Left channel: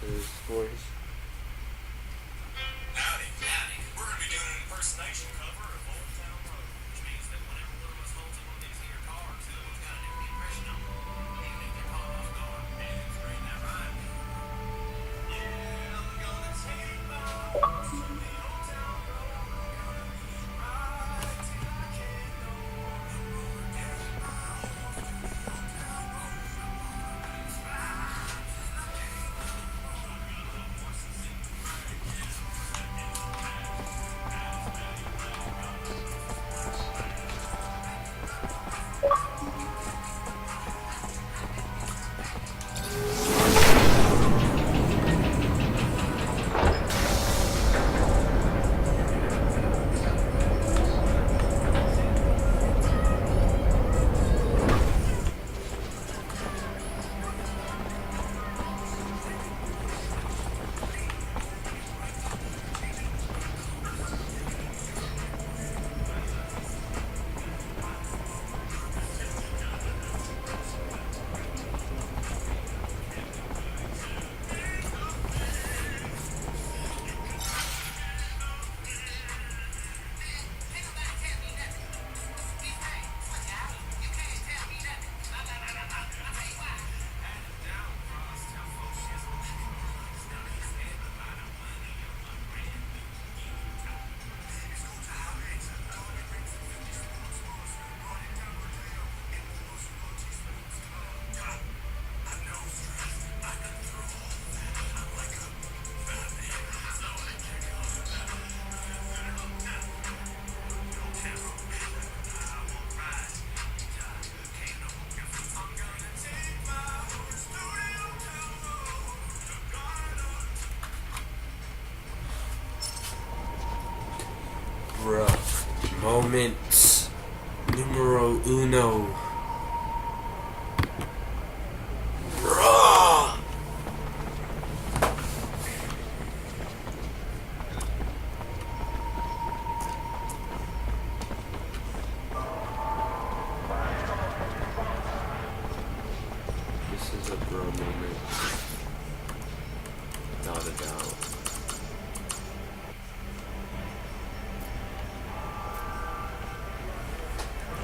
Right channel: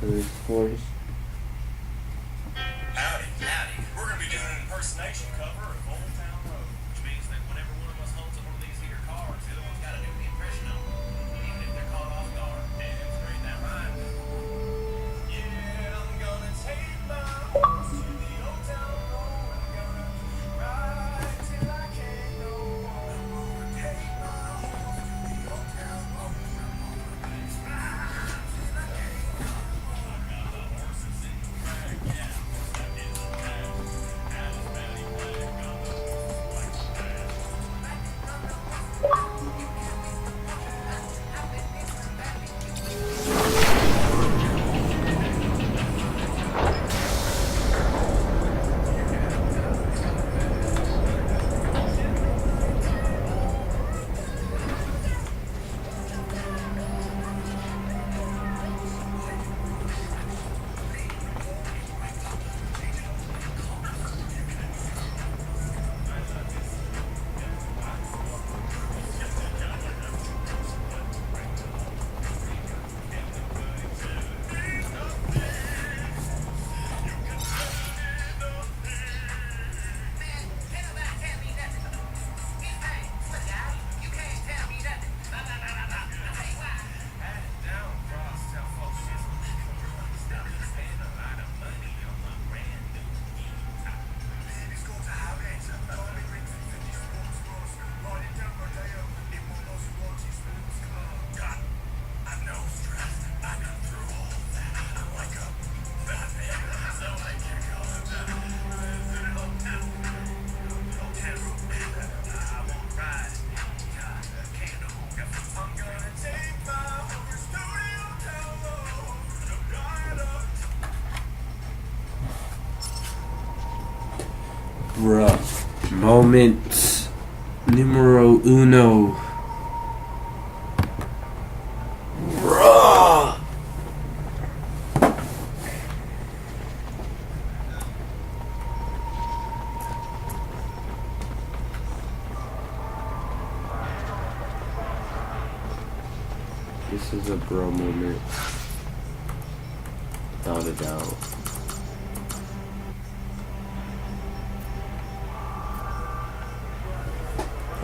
for this horse. Howdy, howdy. We're gonna be doing an impersonation cover of Old Town Road, which means that whenever one of us holds up one of these here cards, the other one's gotta do the impression on it, even if they're caught off guard. And it's great, that rhyme. Yeah, I'm gonna take my horse to the Old Town Road. I'm gonna ride till I can't no more. I'm gonna take my horse to the Old Town Road. I'm gonna ride till I can't no more. I got the horses in the back, yeah. Stuck in the back. Got his belly flag on the Bruh. Moment numero uno. Bruh. This is a bro moment. Without a doubt.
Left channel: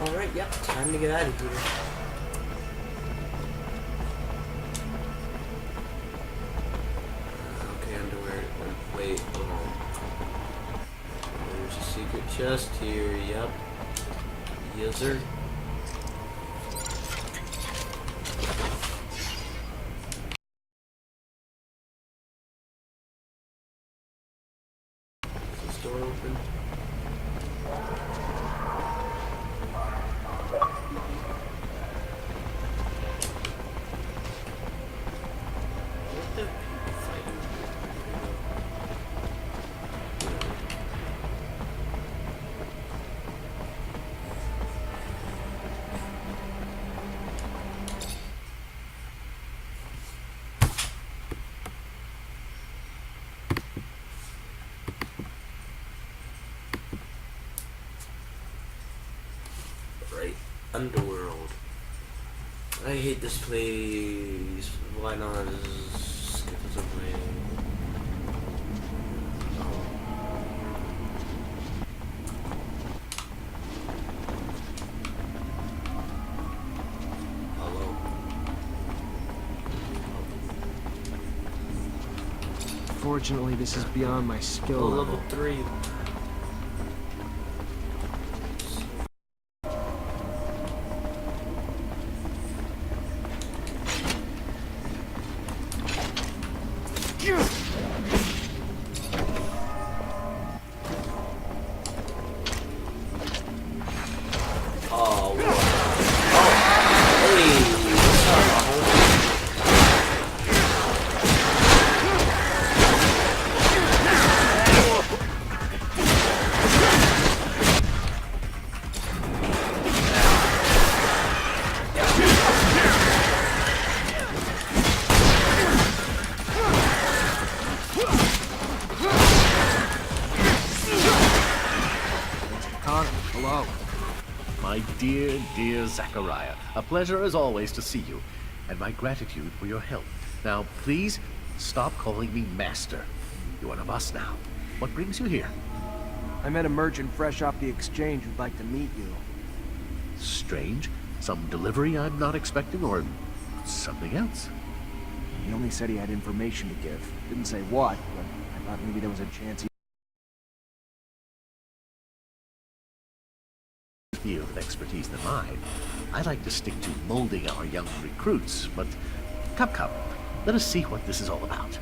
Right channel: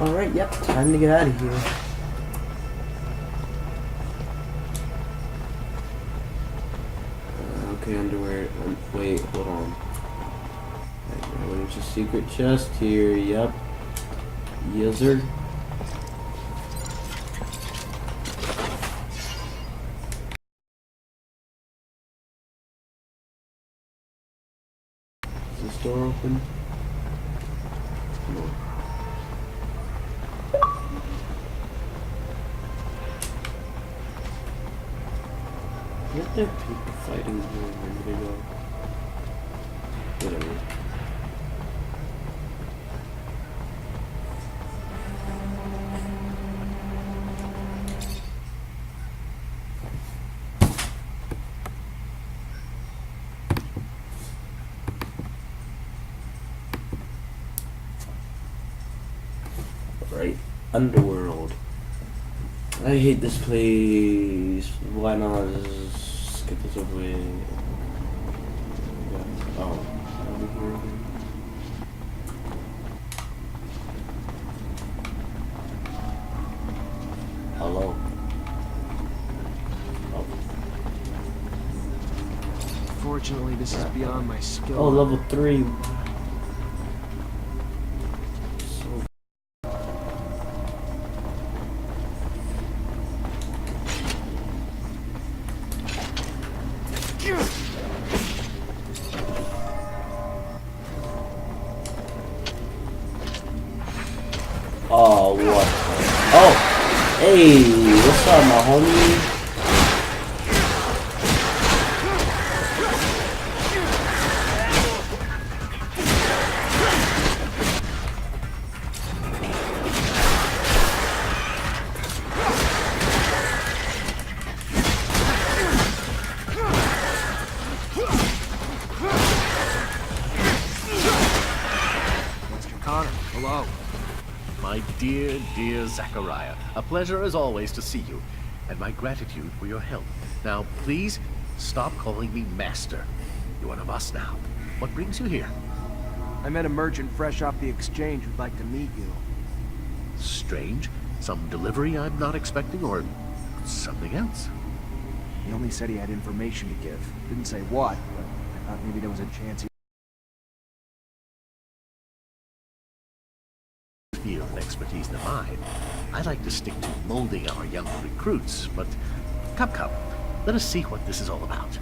Alright, yep, time to get out of here. Okay, underwear. Wait, hold on. There's a secret chest here, yep. Yizzer. Is this door open? What the people fighting here? Where did they go? Whatever. Right, Underworld. I hate this place. Why not just skip this away? Oh. Hello. Fortunately, this is beyond my skill Oh, level. level 3. Oh, what? Oh, hey, what's up, my homie? Mr. Connor, hello. My dear, dear Zachariah, a pleasure as always to see you, and my gratitude for your help. Now, please, Stop calling me master. You're one of us now. What brings you here? I met a merchant fresh off the exchange who'd like to meet you. Strange. Some delivery I'm not expecting, or something else? He only said he had information to give. Didn't say what, but I thought maybe there was a chance he... Field of expertise than mine. I like to stick to molding our young recruits, but come, let us see what this is all about.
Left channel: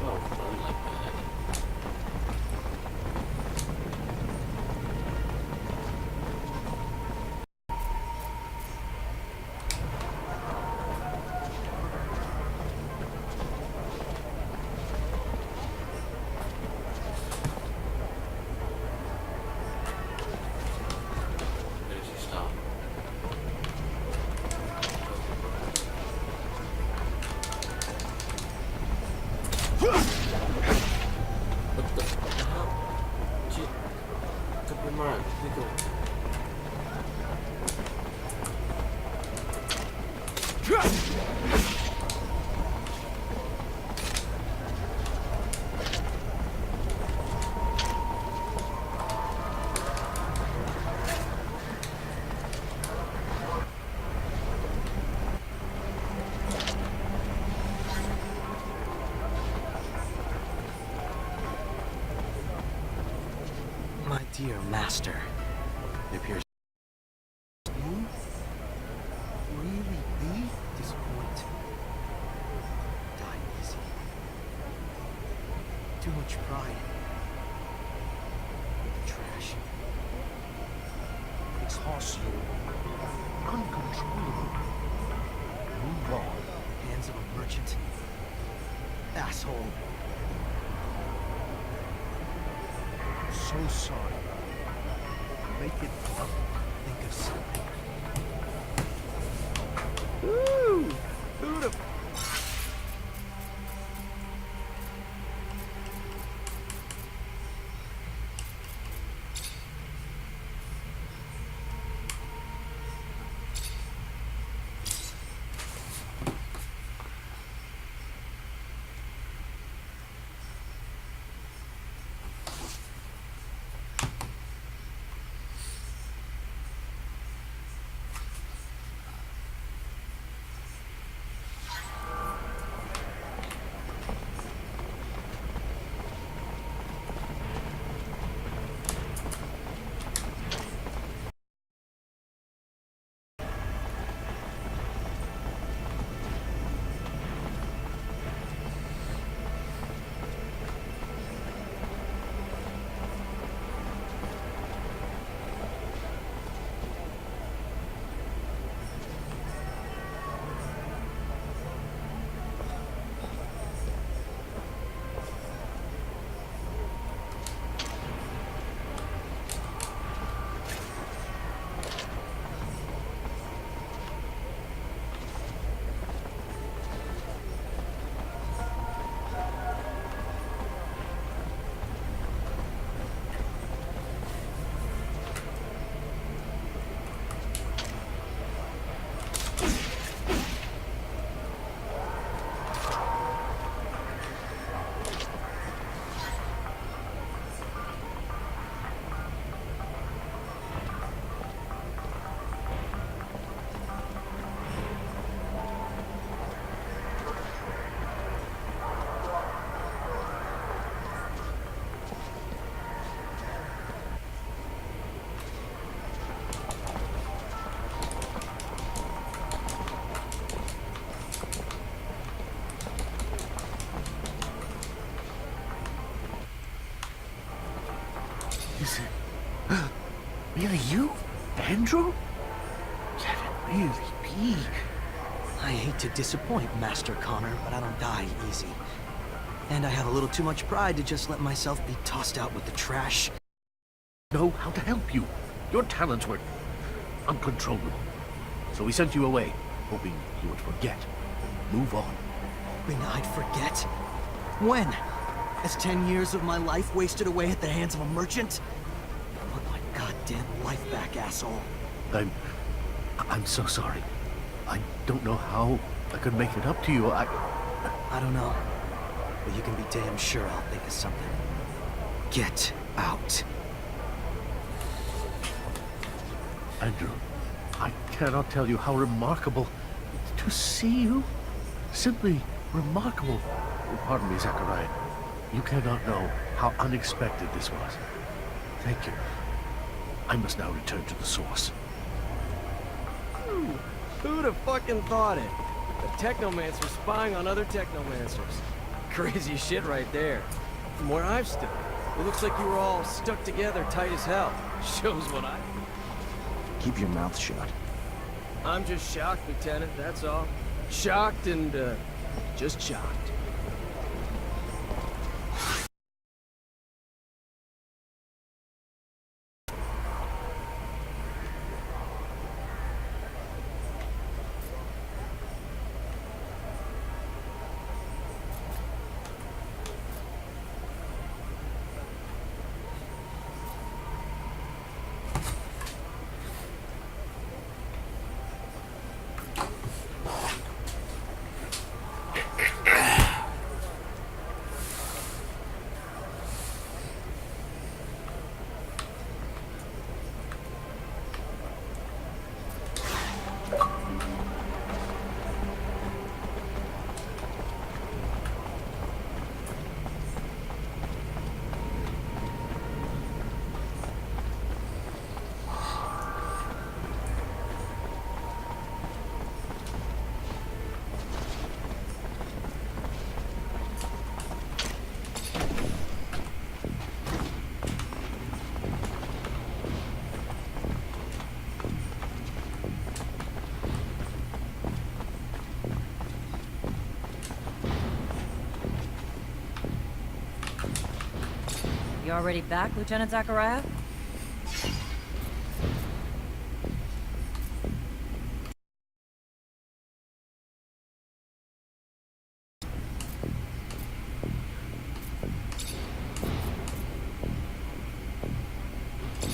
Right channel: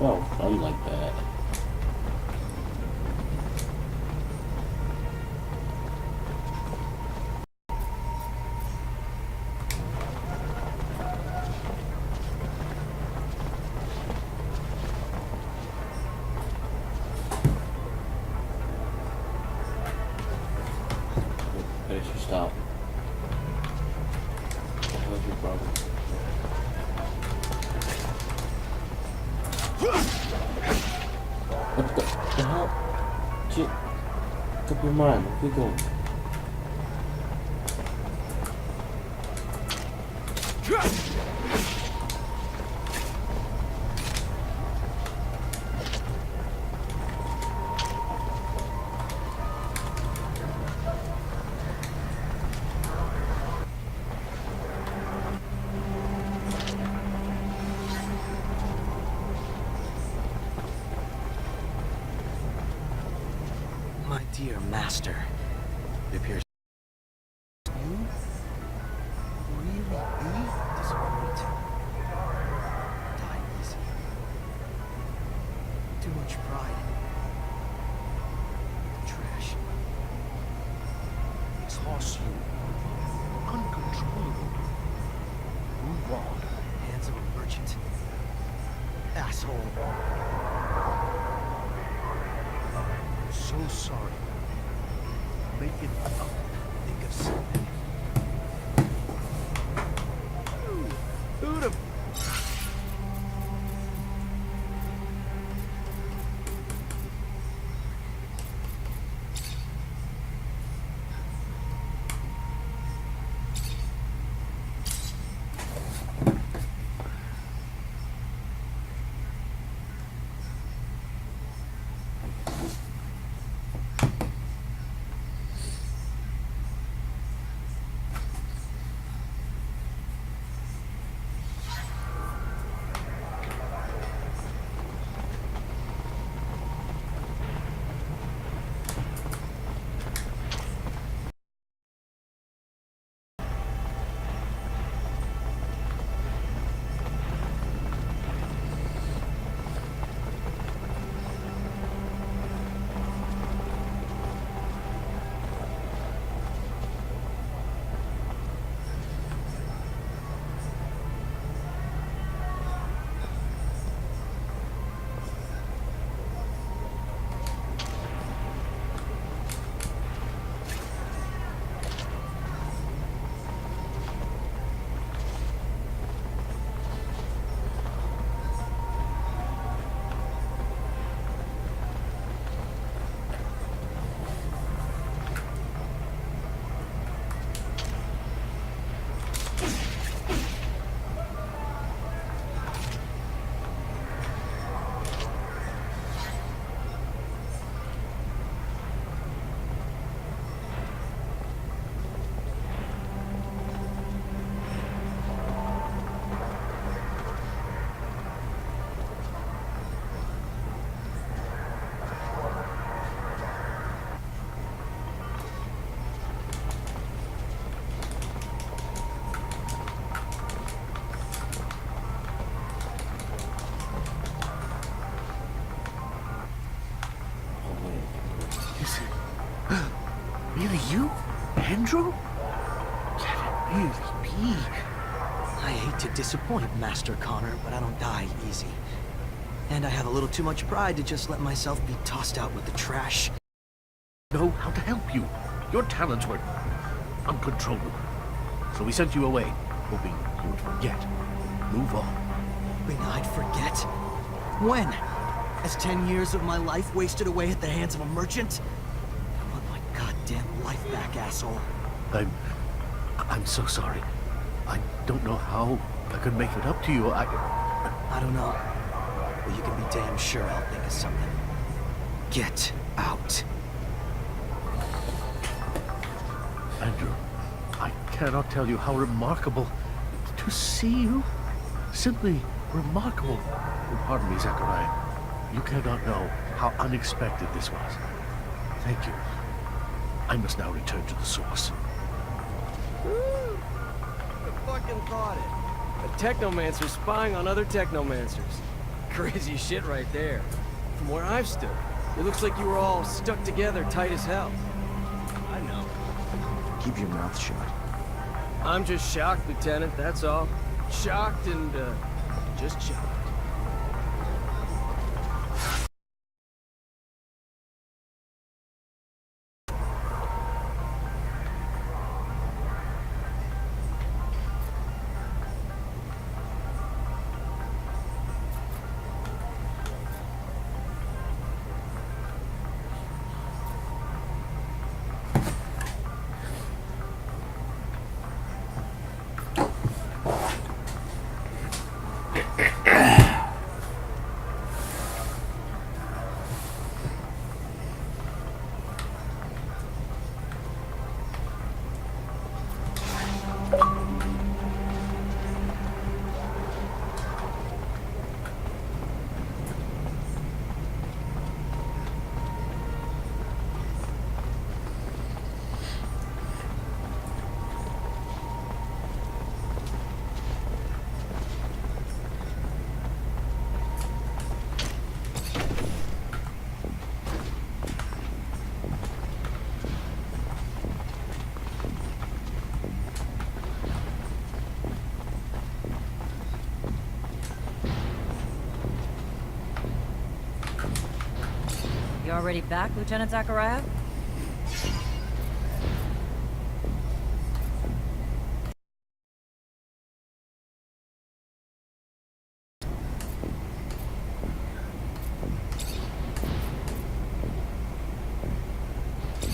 Well, fun like that. Where did she stop? Where's your brother? What the hell? Shit. Took your mind. Keep going. My dear master, it appears you really be disappointed. Die easy. Too much pride with the trash. Exhausts you. Uncontrollable. Move on. Hands of a merchant. Asshole. So sorry. Make it up. Think of something. Ooh, who'd have... Is it really you, Andrew? Can it really be? I hate to disappoint, Master Connor, but I don't die easy. And I have a little too much pride to just let myself be tossed out with the trash. Know how to help you. Your talents were uncontrollable. So we sent you away, hoping you would forget. Move on. Hoping I'd forget? When? As 10 years of my life wasted away at the hands of a merchant? I want my goddamn life back, asshole. I'm so sorry. I don't know how I could make it up to you. I don't know. But you can be damn sure I'll think of something. Get out. Andrew, I cannot tell you how remarkable to see you. Simply remarkable. Pardon me, Zachariah. You cannot know how unexpected this was. Thank you. I must now return to the source. Who'd have fucking thought it? A technomancer spying on other technomancers. Crazy shit right there. From where I've stood, it looks like you were all stuck together tight as hell. Shows what I know. Keep your mouth shut. I'm just shocked, Lieutenant, that's all. Shocked and, just shocked. You already back, Lieutenant Zachariah?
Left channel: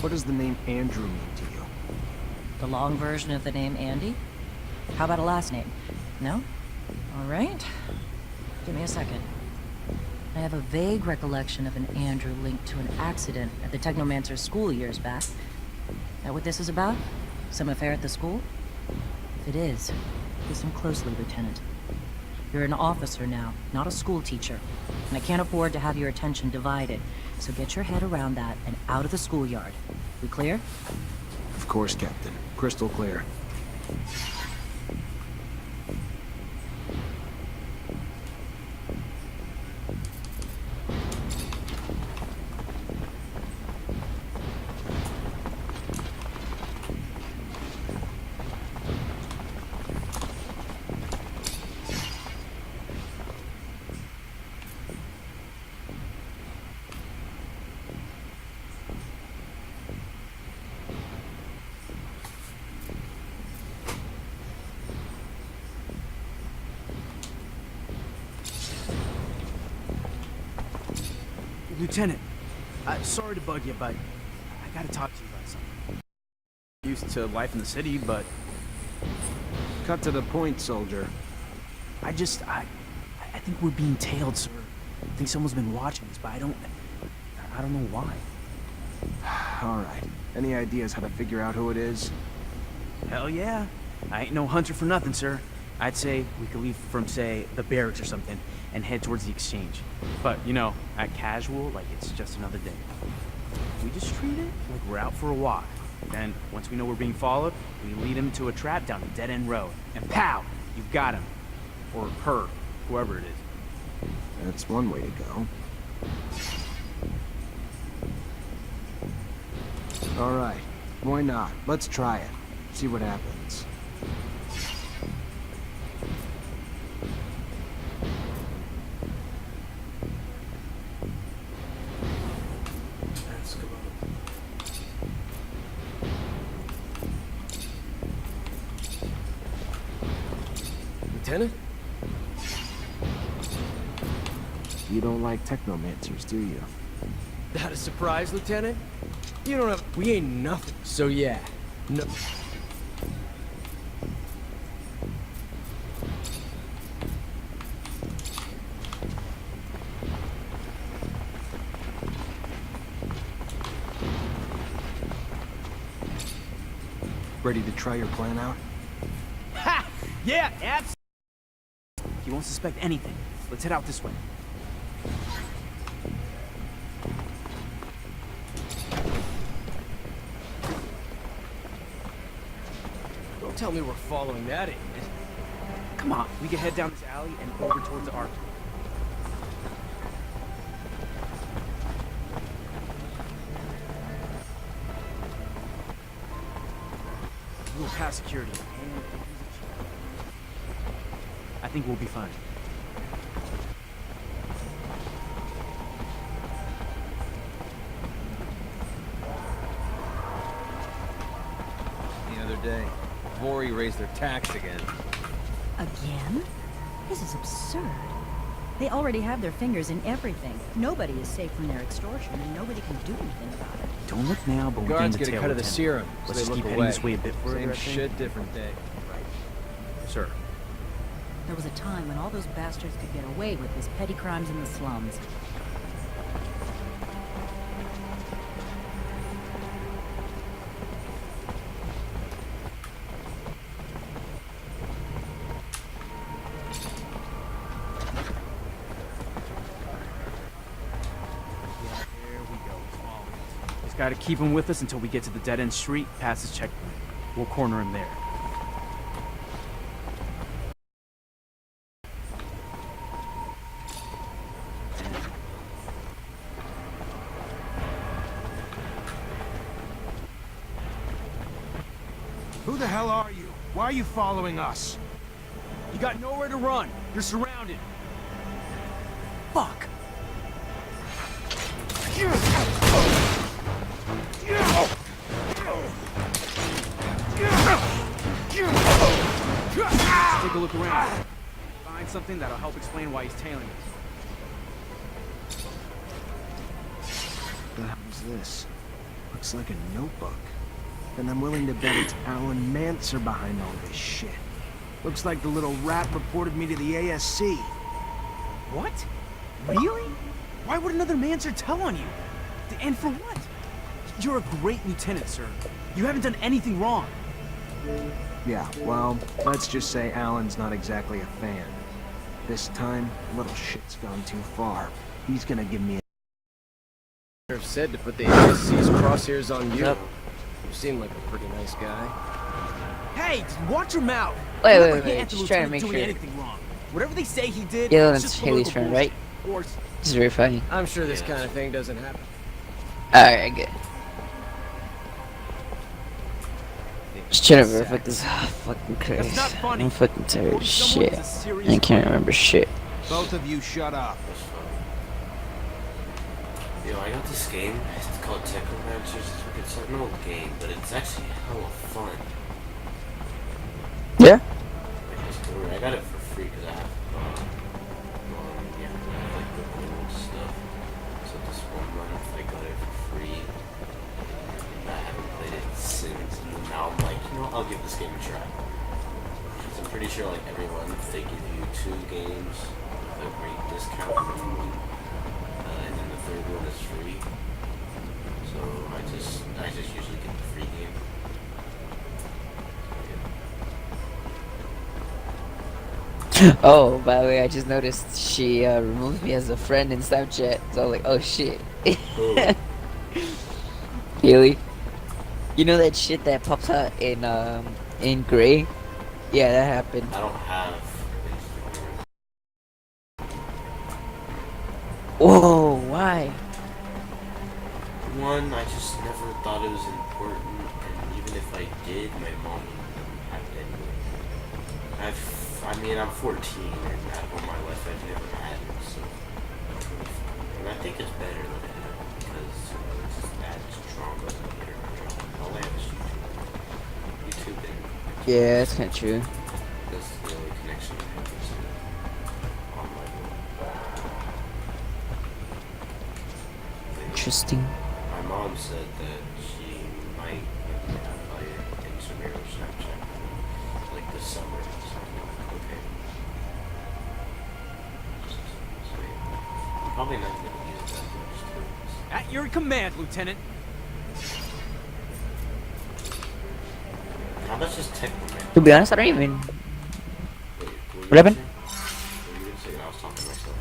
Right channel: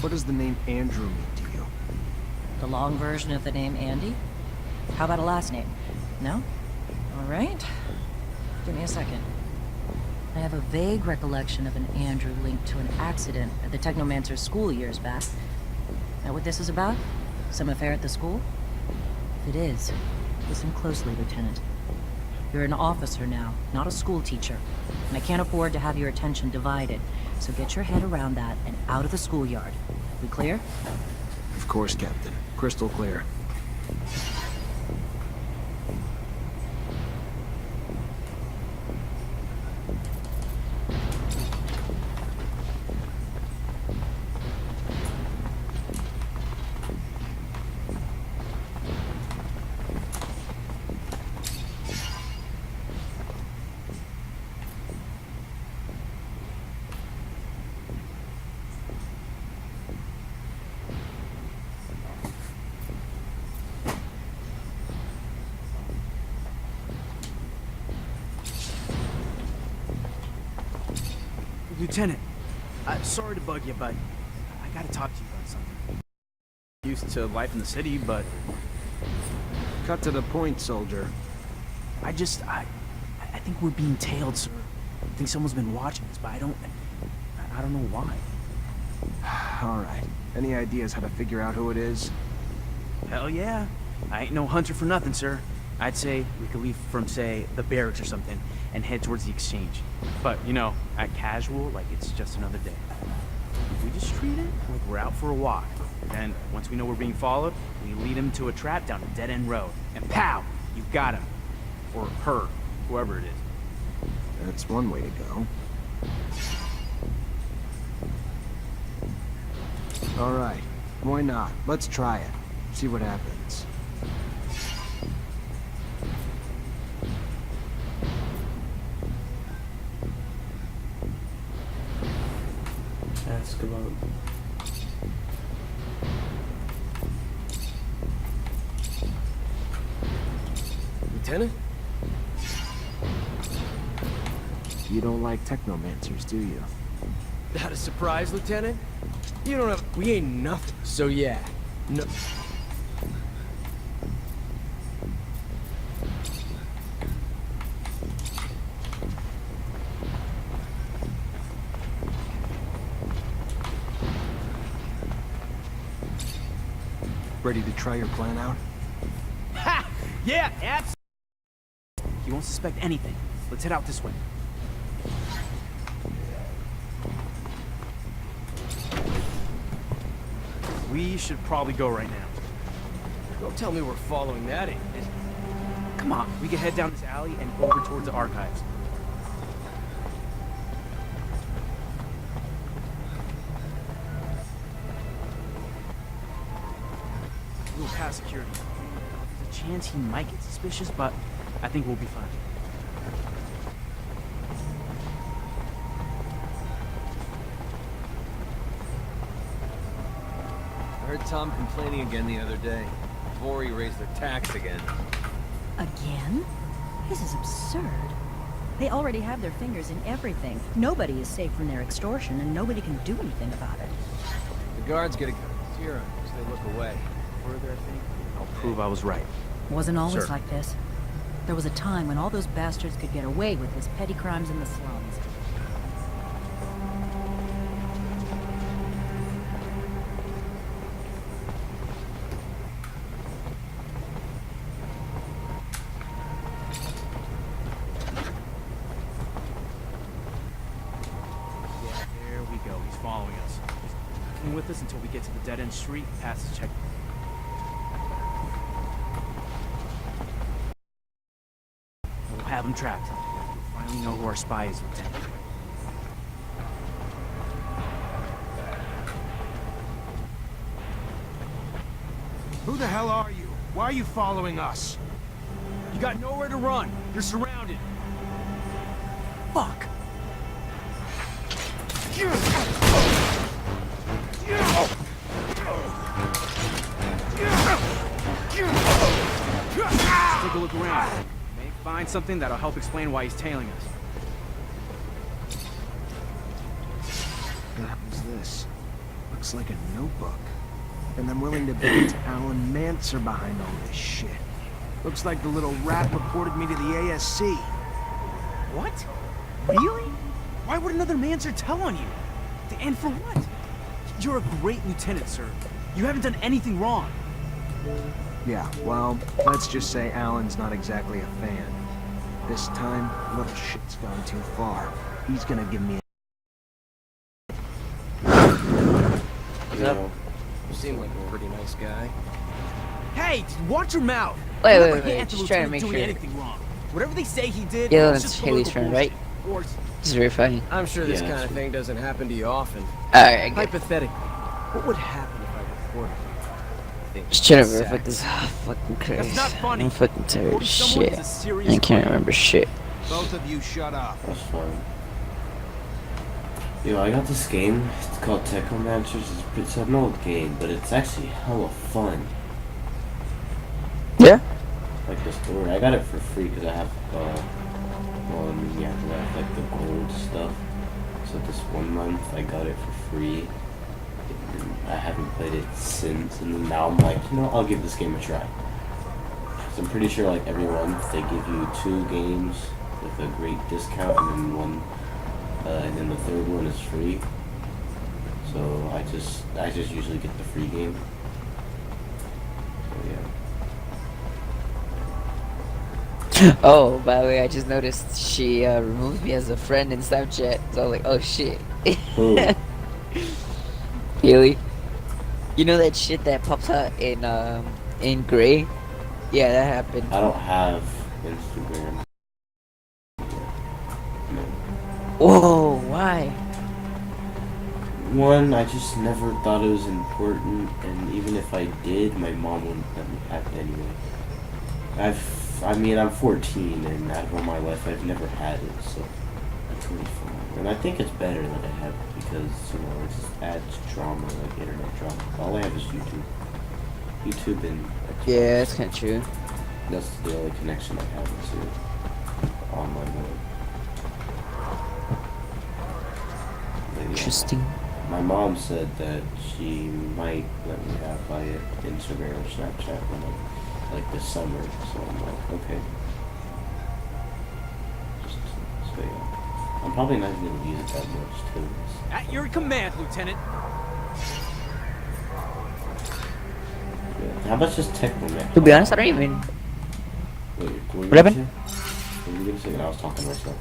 What does the name Andrew mean to you? The long version of the name Andy? How about a last name? No? All right. Give me a second. I have a vague recollection of an Andrew linked to an accident at the Technomancer's school years back. That what this is about? Some affair at the school? If it is, listen closely, Lieutenant. You're an officer now, not a school teacher. And I can't afford to have your attention divided. So get your head around that and out of the schoolyard. We clear? Of course, Captain. Crystal clear. Lieutenant, sorry to bug you, but I gotta talk to you about something. Used to life in the city, but Cut to the point, soldier. I think we're being tailed, sir. I think someone's been watching us, but I don't know why. All right. Any ideas how to figure out who it is? Hell yeah. I ain't no hunter for nothing, sir. I'd say we could leave from, say, the barracks or something and head towards the exchange. But, you know, act casual like it's just another day. We just treat it like we're out for a walk. Then, once we know we're being followed, we lead him to a trap down a dead-end road. And pow! You've got him. Or her. Whoever it is. That's one way to go. Alright, why not? Let's try it. See what happens. Ask about. Lieutenant? You don't like technomancers, do you? That a surprise, Lieutenant? You don't have... We ain't nothing. So yeah. No... Ready to try your plan out? Ha! Yeah, abs. He won't suspect anything. Let's head out this way. We should probably go right now. Don't tell me we're following that idiot. Come on, we can head down this alley and over towards the archives. We'll pass security, and there's a chance he might get suspicious, but I think we'll be fine. Heard Tom complaining again the other day. Vori raised their tax again. Again? This is absurd. They already have their fingers in everything. Nobody is safe from their extortion, and nobody can do anything about it. Don't look now, but The we're guards getting get a cut of the tail serum, so Let's they just look keep heading away. this way a bit further, Same I think. shit, different I'll day. prove I was right. Wasn't always Sure. like this. There was a time when all those bastards could get away with was petty crimes in the slums. Yeah, there we go. He's following us. Just gotta keep him with us until we get to the dead-end street past his checkpoint. We'll corner him there. We'll have him trapped. Finally know who our spy is, Lieutenant. Who the hell are you? Why are you following us? You got nowhere to run. You're surrounded. Fuck. Let's take a look around. May find something that'll help explain why he's tailing us. The hell's this? Looks like a notebook. And I'm willing to bet it's Alan Manser behind all this shit. Looks like the little rat reported me to the ASC. What? Really? Why would another Manser tell on you? And for what? You're a great lieutenant, sir. You haven't done anything wrong. Yeah, well, let's just say Alan's not exactly a fan. This time, little shit's gone too far. He's gonna give me a... Sheriff said to put the ASC's crosshairs on you. Yep. You seem like a pretty nice guy. Hey, just watch your mouth. Wait, You wait, never wait, hint the just trying to lieutenant make doing sure. anything wrong. Whatever they say he did, Yeah, it's that's just Haley's political friend, right? bullshit. Or This is very funny. I'm sure this Yeah, kind of that's- thing doesn't happen to you often. Alright, I get it. Hypothetically, what would happen if I reported you? Think Just trying to sex. verify this. Fucking That's Christ. not funny. I'm fucking tired of Reporting someone shit. is a serious I can't crime. remember shit. Both of you shut up. That's fine. Yo, I got this game. It's called Technomancers. It's an old game, but it's actually hella fun. Yeah? Like the story, I got it for free because I have, yeah, 'cause I have like the gold stuff. So this 1 month I got it for free, and I haven't played it since. And now I'm like, you know, I'll give this game a try. So I'm pretty sure like every month they give you 2 games with a great discount, and then and then the third one is free. So I just usually get the free game. So yeah. Oh, by the way, I just noticed she removed me as a friend in Snapchat. So I was like, oh shit. Who? Haley. You know that shit that pops out in gray? Yeah, that happened. I don't have Instagram. Whoa, why? one, I just never thought it was important, and even if I did, my mom wouldn't let me have it anyway. I'm 14, and out of all my life, I've never had it, so it's really fun. And I think it's better that I have it because, you know, it's adds drama, like internet drama. All I have is YouTube. YouTube and Xbox. Yeah, that's kind of true. That's the only connection I have to online world. Interesting. My mom said that she might let me have via Instagram or Snapchat when like this summer. So I'm like, okay. So yeah. I'm probably not gonna use it that much too. At your command, Lieutenant. Yeah. How about just Technoman? To be honest, I don't even. Wait, What happened? What were you gonna say? I was talking to myself.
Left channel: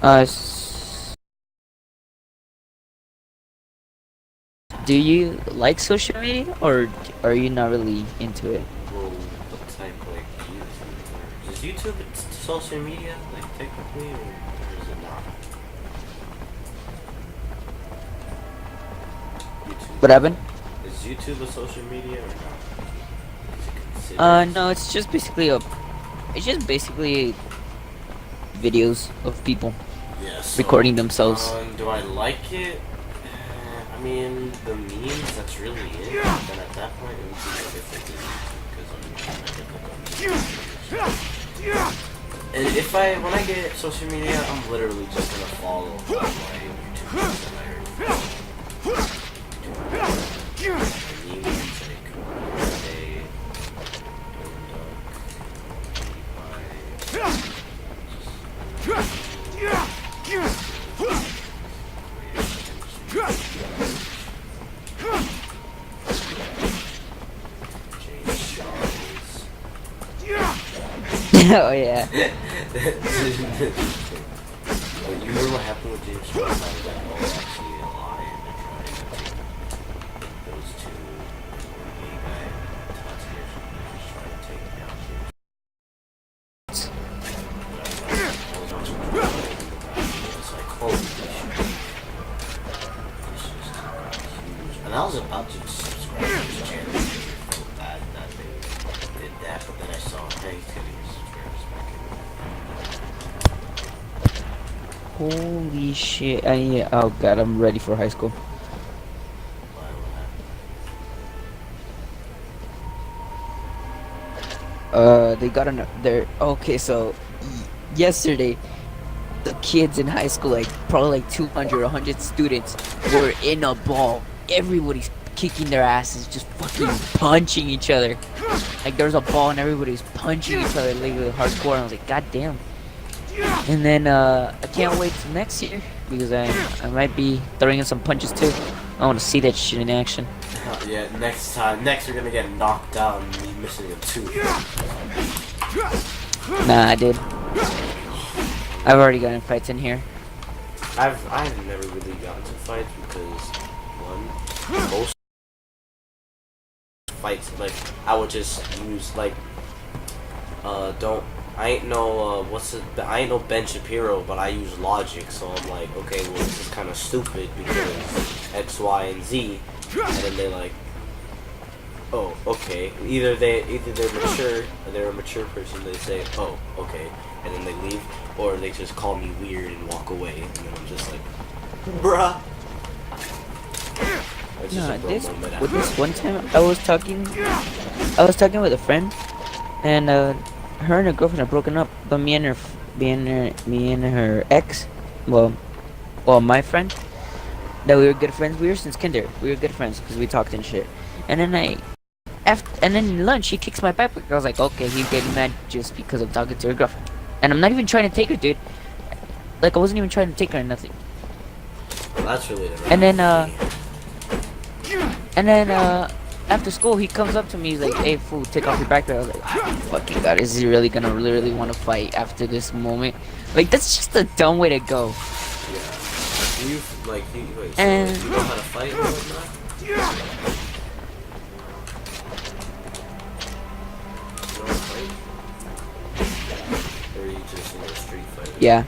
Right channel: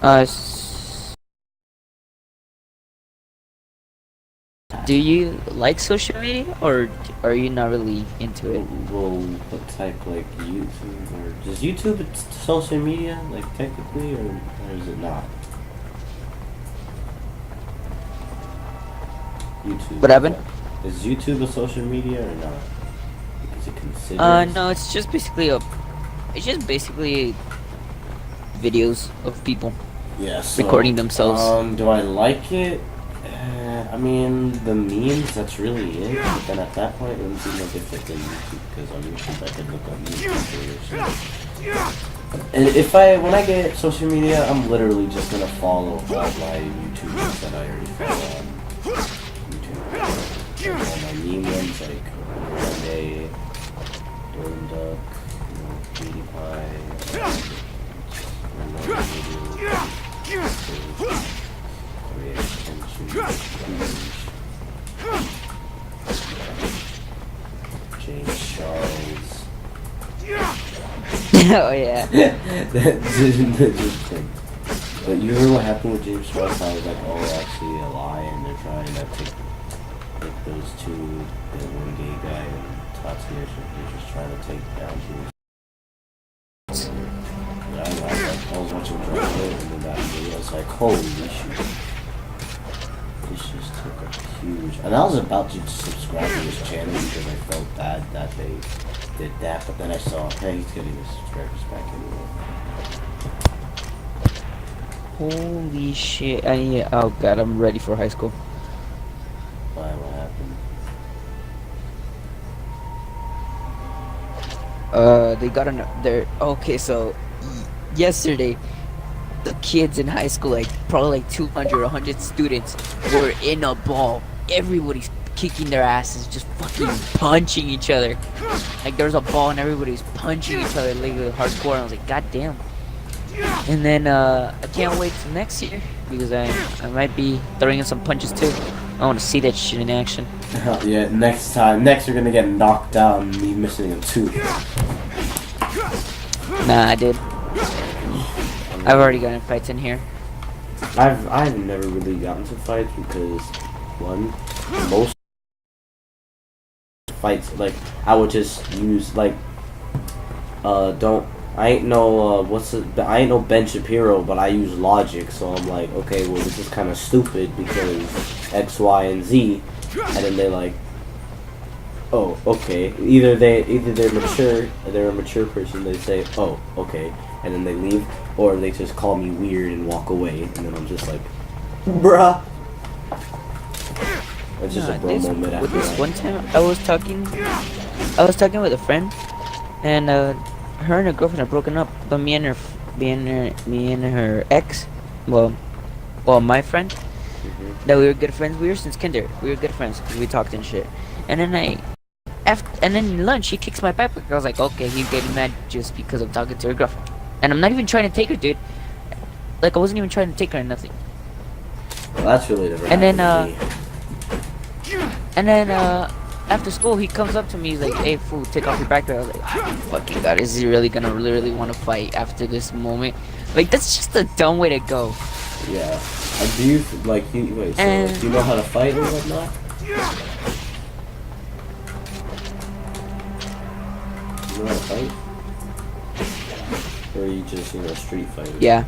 Do you like social media, or are you not really into it? Well, what type, like YouTube? Or is YouTube social media, like technically, or is it not? YouTube. What happened? Is YouTube a social media or not? Is it considered? No, it's just basically videos of people Yeah, so, recording themselves. Do I like it? I mean, the memes, that's really it. But then at that point, it would be no different than YouTube, because on YouTube, I could look on YouTube. And when I get social media, I'm literally just gonna follow all my YouTubers that I already follow on YouTube. And my meme ones, like, Renee, Dorn Duck, James Charles. Oh yeah. But you know what happened with James Charles? How that all actually a lie, and they're trying to take those two, the one gay guy, Tati or something, they're just trying to take down James. But I was watching the video, and then that video, I was like, holy shit. This just took a huge. And I was about to subscribe to his channel because I felt bad that they did that, but then I saw, hey, he's getting his subscribers back anyway. Holy shit! Oh god, I'm ready for high school. Why? What happened? They got there. Okay, so yesterday, the kids in high school, like probably like 200 or 100 students, were in a ball. Everybody's kicking their asses, just fucking punching each other. Like there's a ball and everybody's punching each other like hardcore. And I was like, god damn. And then I can't wait till next year because I might be throwing in some punches too. I want to see that shit in action. Yeah, next you're gonna get knocked out and me missing a tooth. Nah, I did. I've already gotten fights in here. I've never really gotten to fights because one, most fights like I would just use like I ain't no Ben Shapiro, but I use logic, so I'm like, okay, well this is kind of stupid because X, Y, and Z, and then they're like, oh, okay. Either they're mature, they're a mature person. They say, oh, okay, and then they leave, or they just call me weird and walk away, and then I'm just like, bruh. It's just a bro moment. With this one time I was talking with a friend, and her and her girlfriend are broken up, but me and her ex, well, my friend, that we were good friends. We were since kinder. We were good friends because we talked and shit. And then and then in lunch, he kicks my backpack. I was like, okay, he's getting mad just because I'm talking to her girlfriend. And I'm not even trying to take her, dude. Like I wasn't even trying to take her or nothing. Well, that's really the And then after school, he comes up to me. He's like, "Hey, fool, take off your backpack." I was like, oh, "Fucking god, is he really gonna really want to fight after this moment?" Like that's just a dumb way to go. Yeah. Do you like do you know how to fight or whatnot? You know how to fight? Or are you just street fighter? Yeah.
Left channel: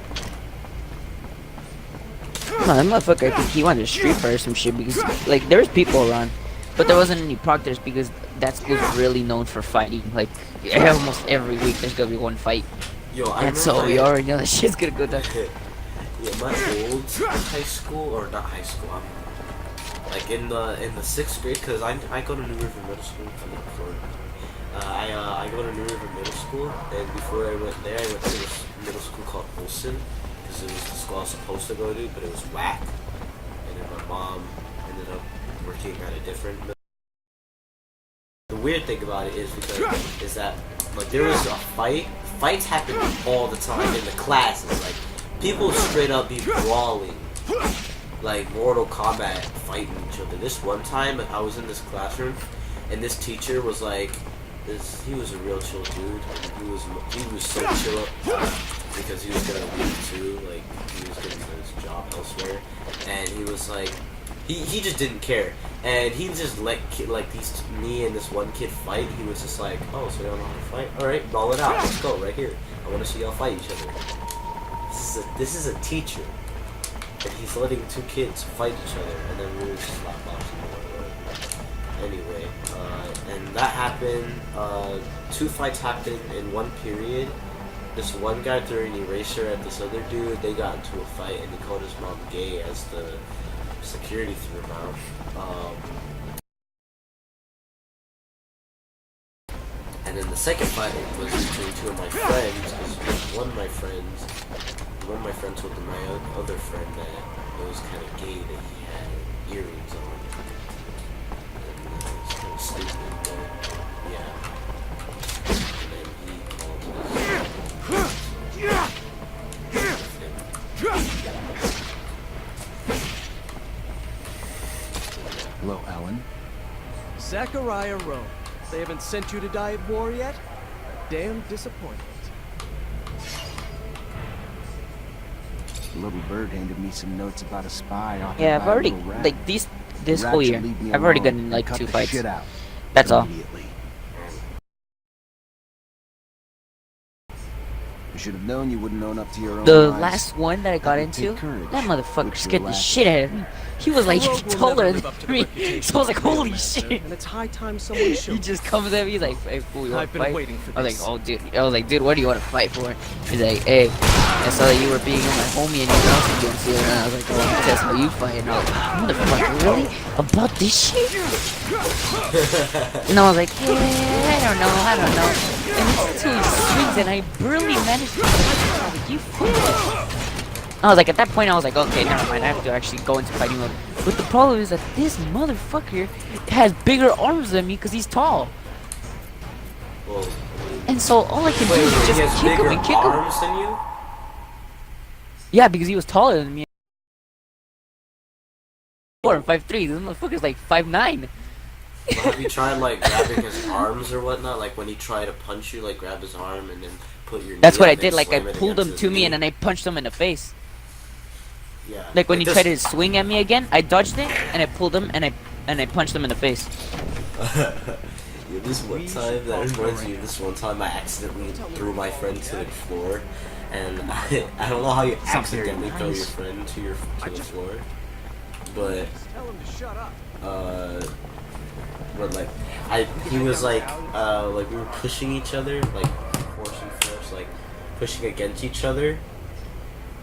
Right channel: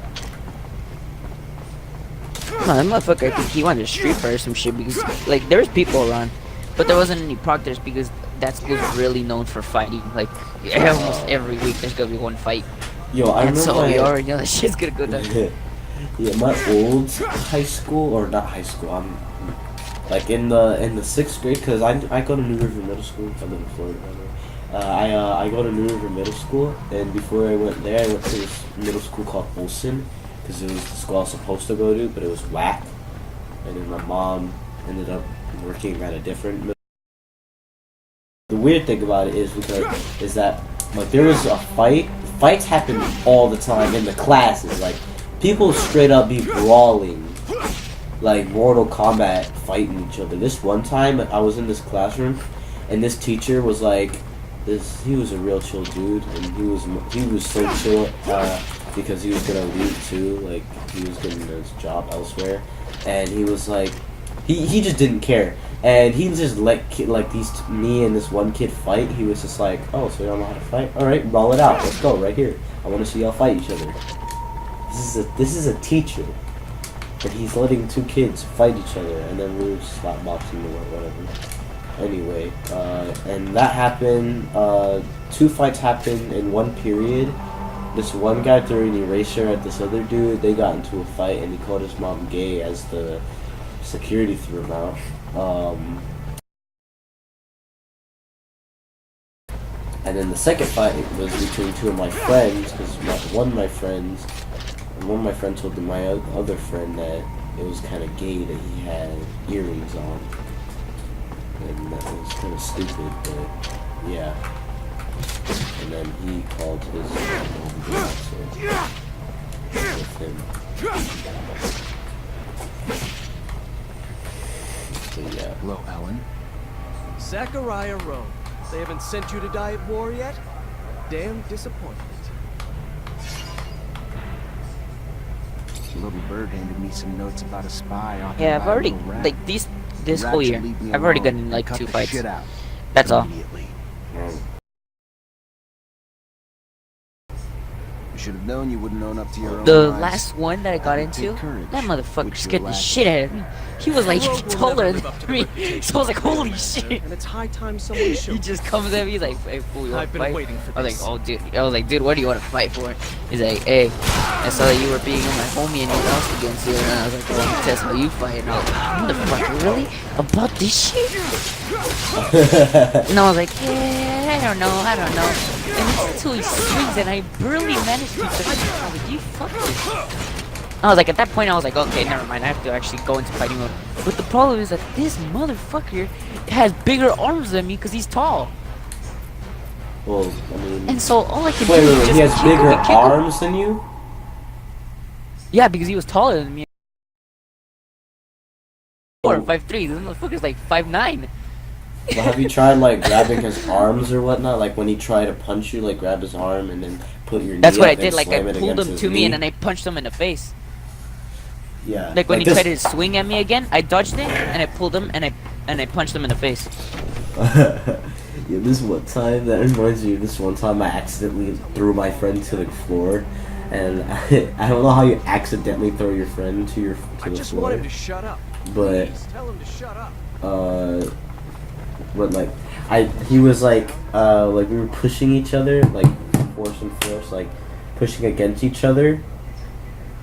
No, that motherfucker, I think he wanted to street fight or some shit because, like, there was people around, but there wasn't any proctors because that school's really known for fighting. Like, almost every week there's gonna be one fight. Yo, I And so remember we already know that shit's gonna go down. Yeah, my old high school, or not high school, I'm like in the 6th grade, cause I go to New River Middle School. I'm in Florida. I go to New River Middle School, and before I went there, I went to this middle school called Olson, cause it was the school I was supposed to go to, but it was whack. And then my mom ended up working at a different middle. The weird thing about it is that like there was a fight. Fights happen all the time in the classes. Like people straight up be brawling, like Mortal Kombat fighting each other. This one time I was in this classroom, and this teacher was like, he was a real chill dude, and he was so chill because he was gonna leave too. Like he was getting his job elsewhere, and he was like. He just didn't care, and he just let me and this one kid fight. He was just like, oh, so y'all know how to fight? All right, roll it out. Let's go right here. I want to see y'all fight each other. This is a teacher, but he's letting 2 kids fight each other, and then we were slap boxing or whatever. Anyway, and that happened. 2 fights happened in one period. This one guy threw an eraser at this other dude. They got into a fight, and he called his mom gay as the security threw him out. And then the second fight was between 2 of my friends, because one of my friends told my other friend that it was kind of gay that he had earrings on. And that was kind of stupid, but yeah. And then he called his Hello, Alan. Zachariah Rowe. They haven't sent you to die at war yet? Damn disappointment. The little bird handed me some notes about a spy off. Yeah, I've already, like, this whole year, I've already gotten in, like, 2 fights. That's all. You should have known you wouldn't own up to your own The lies. last one that I got into, courage, that motherfucker which scared you're the lacking. shit out of me. He was like Rogue will taller never than live up to the me, reputation so I was like, of a holy Technomancer, shit. And it's high time someone He showed. just comes at me, he's like, hey, fool, you want I've to been fight? waiting for I was this. like, oh, dude. I was like, dude, what do you want to fight for? He's like, hey, I saw that you were being my homie and you lost against you. And I was like, oh, I test how you fight. And I was like, motherfucker, really? About this shit? And I was like, yeah, I don't know. And until he swings and I barely managed to I was like, you fuck this. I was like, at that point, I was like, okay, never mind. I have to actually go into fighting mode. But the problem is that this motherfucker has bigger arms than me because he's tall. Well, I mean, And so all I can do wait, is he has just kick him bigger and kick him. arms than you? Yeah, because he was taller than me. 4 5'3". This motherfucker's like 5'9". Well, have you tried like grabbing his arms or whatnot? Like when he tried to punch you, like grab his arm and then put your. That's knee what up I did. and Like I slam it pulled against him his to me knee? and then I punched him in the face. Yeah. Like when he this- tried to swing at me again, I dodged it and I pulled him and I punched him in the face. Yeah, this one time that reminds me of this one time I accidentally threw my friend to the floor, and I don't know how you accidentally throw your friend to I the just floor, want him to shut up. but Please, tell him to shut up. but like he was like we were pushing each other, like force, like pushing against each other,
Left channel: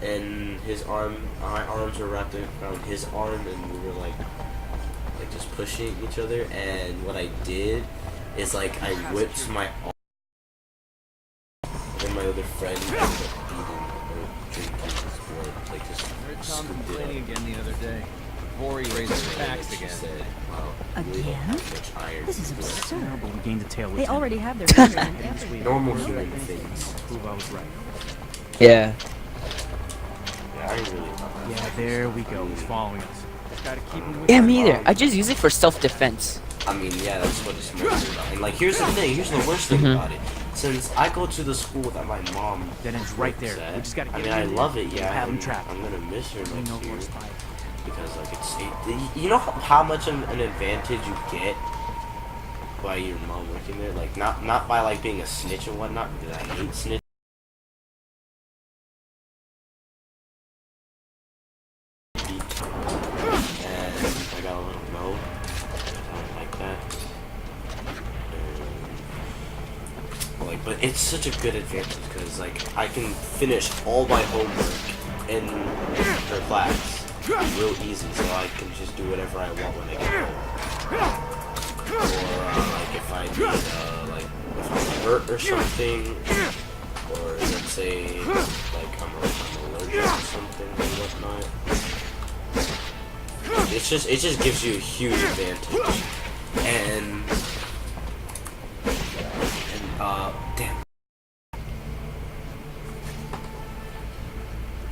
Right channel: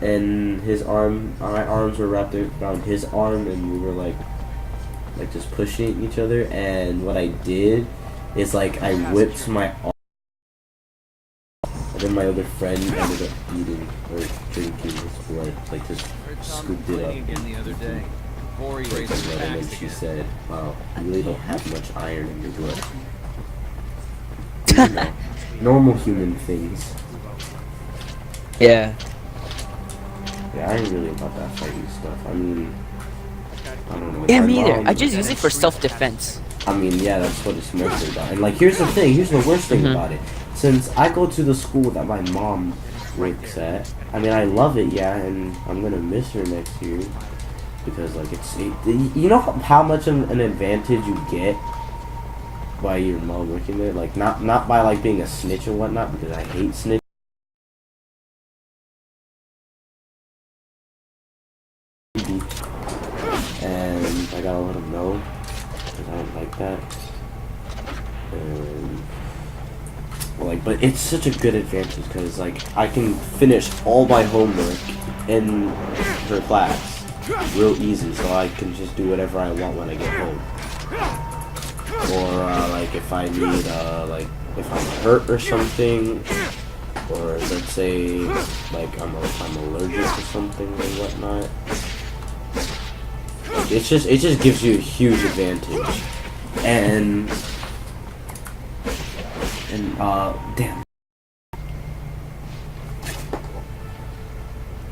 and my arms were wrapped around his arm, and we were like just pushing each other, and what I did is like I whipped my arm, and then my other friend ended up eating or drinking his blood, like just I heard Tom scooped complaining it up. again the other day. Before he raised his And tax then she again. said, "Wow, you really don't have much iron in your blood." Gained a tail They with him. already have their Normal human things. Prove I was right. Yeah. Yeah, I ain't really about that fighting There stuff. we I go. mean, Following us. Gotta keep him with Yeah, my me either. mom- I just use it for self-defense. I mean, yeah, that's what it's meant for. And like, here's the thing. Here's the worst thing Mhm. about it. Since I go to the school that my mom That ends right works there. We at, just gotta I get mean, I in love it, there. yeah, Have him and trapped. I'm gonna miss her next No year force fight. because like you know how much an advantage you get by your mom working there. Like not by like being a snitch or whatnot, because I hate snitch. Be gotta let him know, because I don't like that. Like, but it's such a good advantage because like I can finish all my homework in her class real easy, so I can just do whatever I want when I get home. Or like if I need like if I'm hurt or something, or let's say like I'm allergic to something or whatnot. It just gives you a huge advantage, and damn.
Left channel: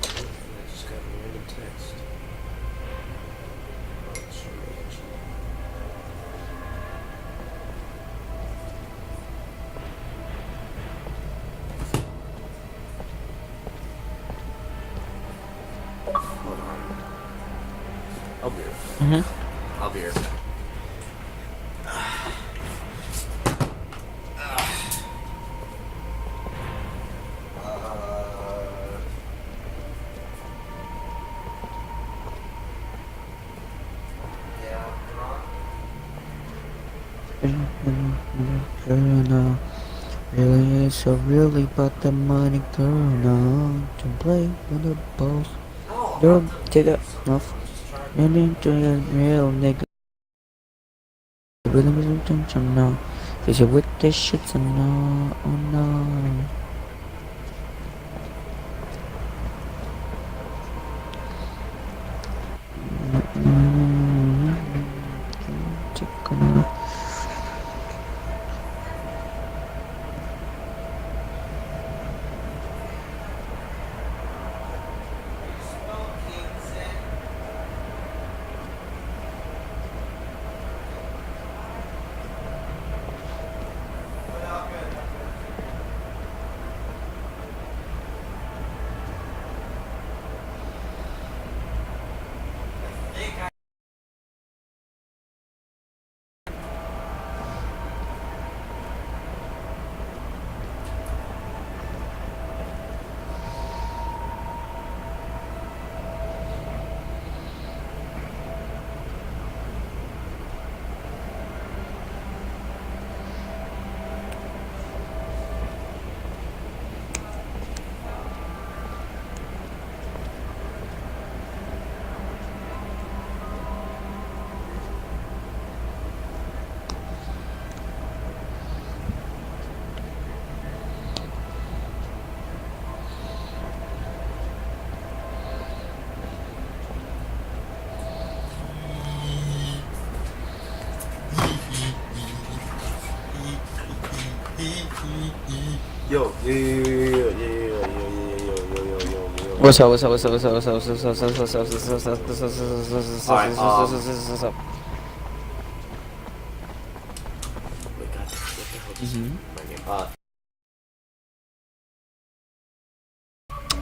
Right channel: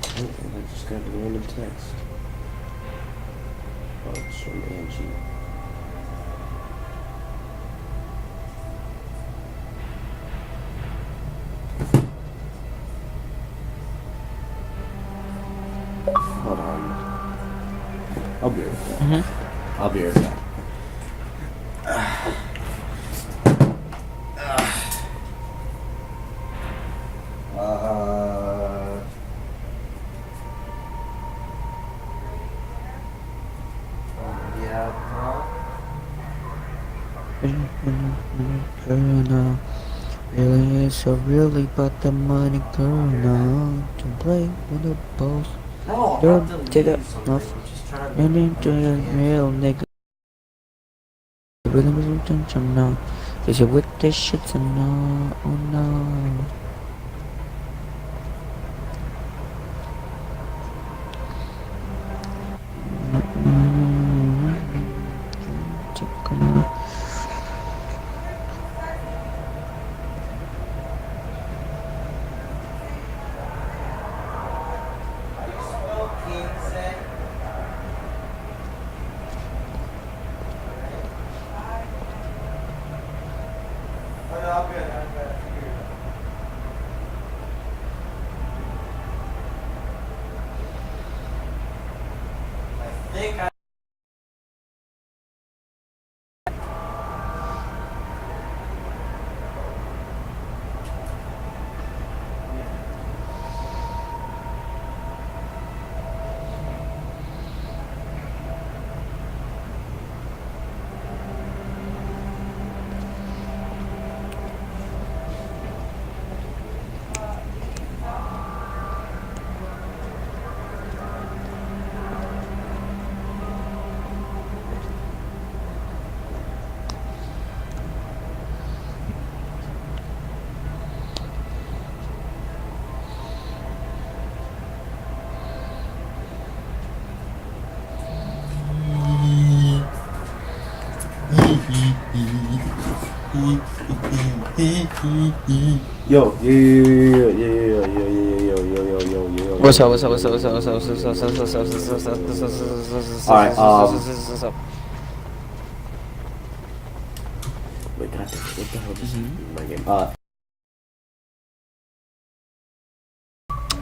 Oh, and I just got a random text. Oh, it's from Angie. Hold on. I'll be right back. I'll be right back. Girl, really is so really but the money, girl. No, to play with the balls. Don't take it off. And into a real nigga. Really was attention now. Cause you with this shit, so no, oh no. Yo. What's up? What's up? Alright, wait, God, what the hell is my game?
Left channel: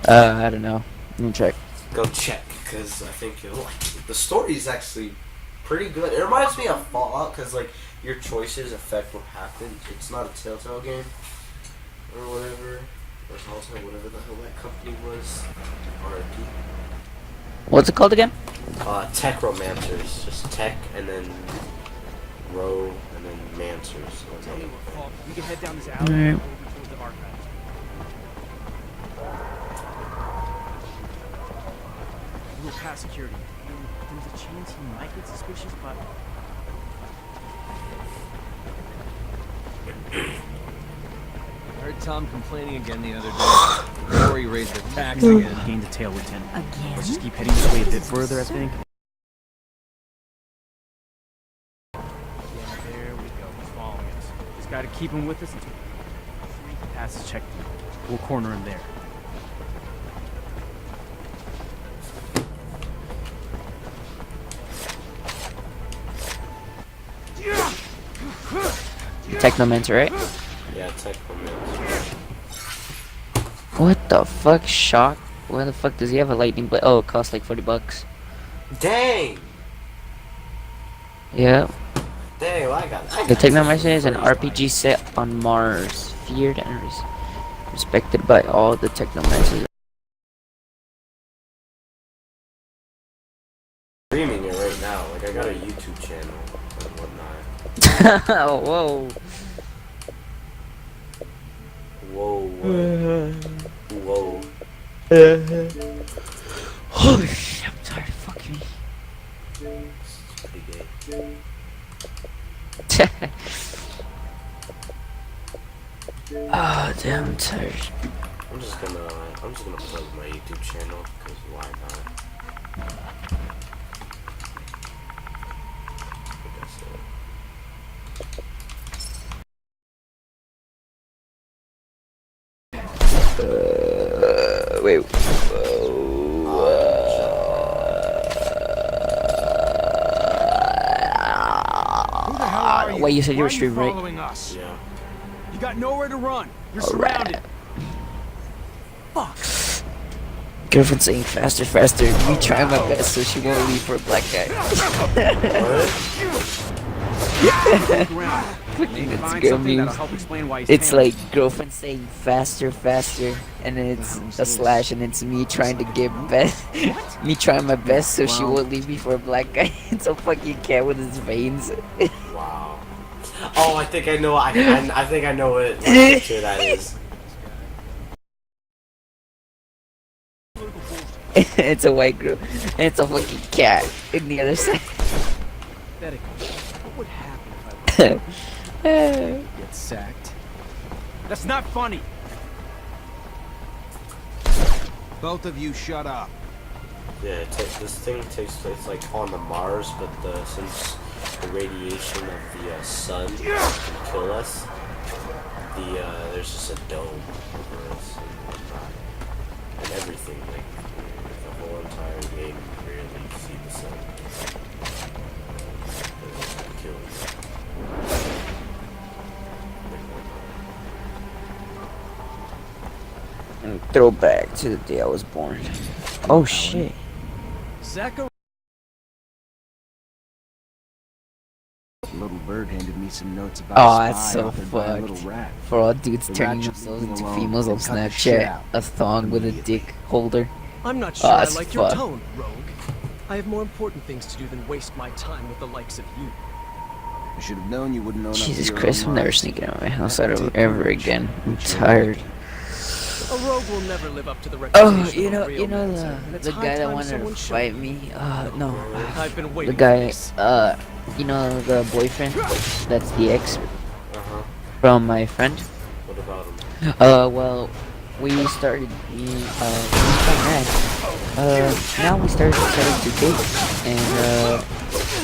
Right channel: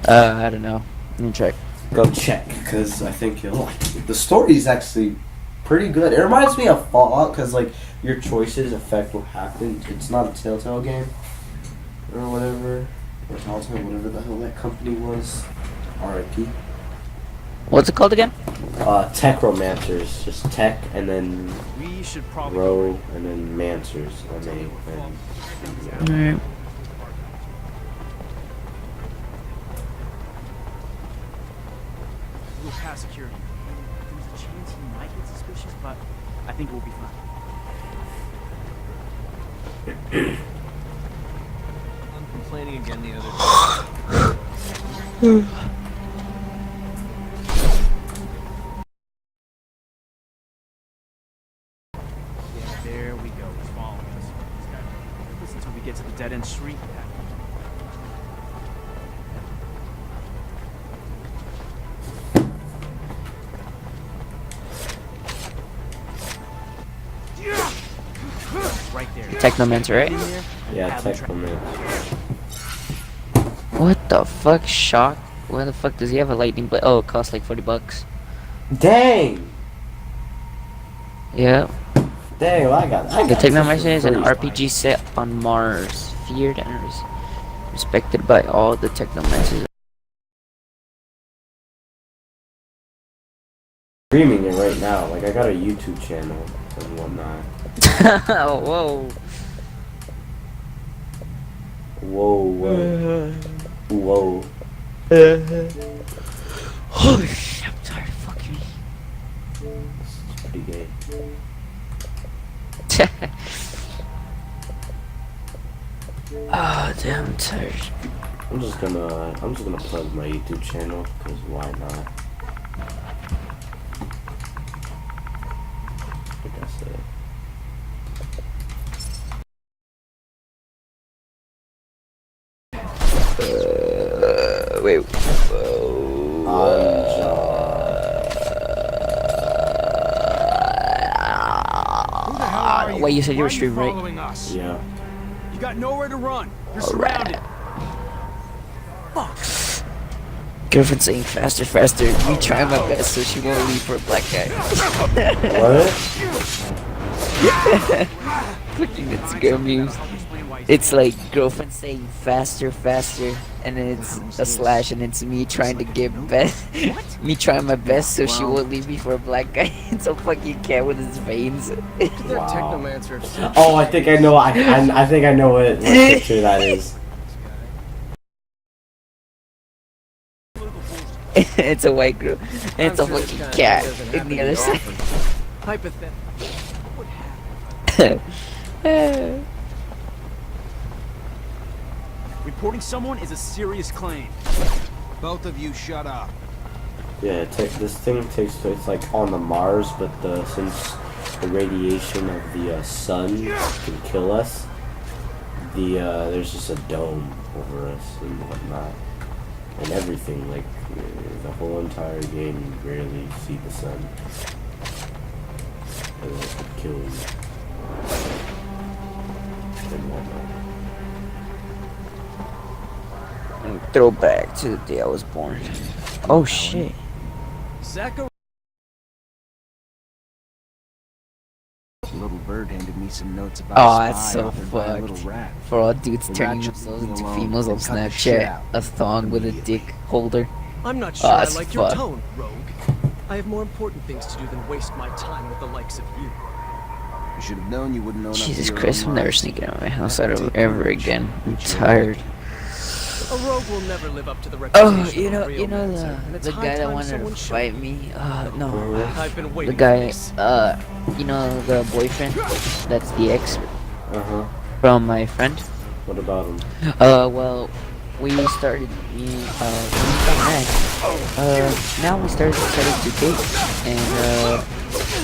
I don't know. Let me check. Go check, because I think you'll like it. The story is actually pretty good. It reminds me of Fallout, because like your choices affect what happens. It's not a Telltale game or whatever, or Telltale, whatever the hell that company was. R.I.P. What's it called again? Tech Romancers, just tech and then We should probably row and then mancers. tell me what fault. We can head down this alley Alright. over towards the archives. We'll pass security, and there's a chance he might get suspicious, but I think we'll be fine. Heard Tom complaining again the other day. Before he raised the tax Again, again. came to tail, Lieutenant. Let's just keep heading this way a bit further, I think. Yeah, there we go. He's following us. Just gotta keep him with us until we get to the dead-end street past the checkpoint. We'll corner him there. Right there. Technomancer, right? Yeah, tech Romancers. What the fuck? Shock? Why the fuck does he have a lightning blade? Oh, it costs like $40. Dang! Yeah. Dang, well, I got The this Technomancer is for an free. RPG set on Mars, feared and respected by all the Technomancers streaming it right now. Like I got a YouTube channel and whatnot. Whoa. Whoa. Whoa. Holy shit, I'm tired. Fuck me. It's pretty gay. Oh, damn, I'm tired. I'm just gonna plug my YouTube channel because why not? Like I said. Wait. Who the hell are you? Wait, you said you Why were are streaming, right? following us? Yeah. You got nowhere to run. You're Alright. surrounded. Fuck. Girlfriend saying faster, faster. Me trying my best so she won't leave for a black guy. It's Find girl something that'll memes. help explain why he's It's panicked. like girlfriend saying faster, faster, and then it's a slash, and it's me trying to get best, me trying my best so she won't leave me for a black guy. It's a fucking cat with his veins. They're technomancers. Oh, I think I know. I think I know what picture that is. It's a white girl, and it's a fucking cat in the other side. Hypothetically, what would happen if I get sacked? That's not funny. Reporting someone is a serious claim. Both of you shut up. Yeah, this thing takes place like on the Mars, but since the radiation of the sun can kill us, there's just a dome over us and whatnot, and everything. Like the whole entire game, you rarely see the sun. It'll kill you. And whatnot. Throw back to the day I was born. Oh shit. Zachary. Little bird handed me some notes about Oh, a that's spy so authored by a little fucked. rat. For all dudes The turning rat should themselves leave me into alone females on and cut the shit Snapchat, out a thong with a immediately. dick holder. I'm not sure Oh, I that's like your fucked. tone, Rogue. I have more important things to do than waste my time with the likes of you. I should have known you wouldn't own up to Jesus your Christ, own I'm never lies. sneaking out of my house Have to ever, take ever courage. again. I'm Which you tired. A rogue will never live up to the reputation Oh, you of a know, real you know mancer, and it's the high guy that time wanted to someone showed fight me. me. No, I've been the waiting for guy. this. You know the boyfriend. That's the ex from my friend. What about him? Well, we started we got mad. Now we started to date, and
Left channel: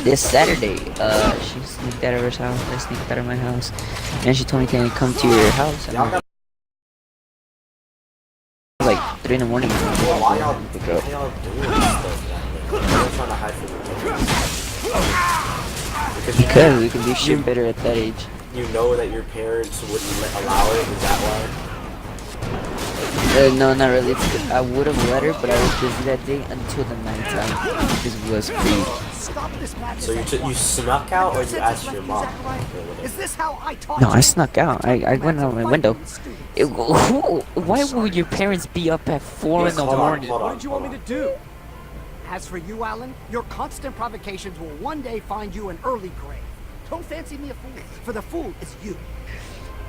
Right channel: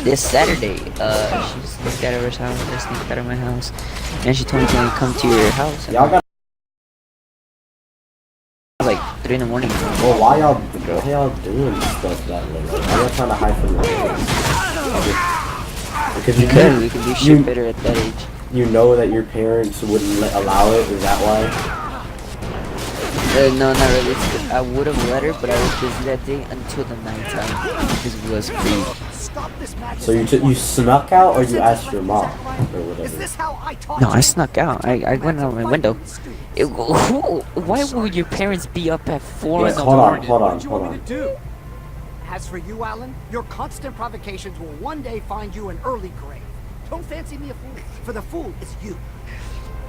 this Saturday, she sneaked out of her house, I sneaked out of my house, and she told me, can I come to your house? And Y'all got. like 3 in the morning. Well, why y'all doing stuff that way? Why y'all trying to hide from the Because Because we can do shit better at that age. you know that your parents wouldn't allow it. Is that why? No, not really. I would have let her, but I was busy that day until the nighttime because it was free. So you snuck out, or you asked your mom, or whatever? how I taught No, I snuck out. I went out my window. Why would your parents be up at 4 in the Hold on, morning? hold What on, did you hold want me on. to do? As for you, Alan, your constant provocations will one day find you an early grave. Don't fancy me a fool, for the fool is you.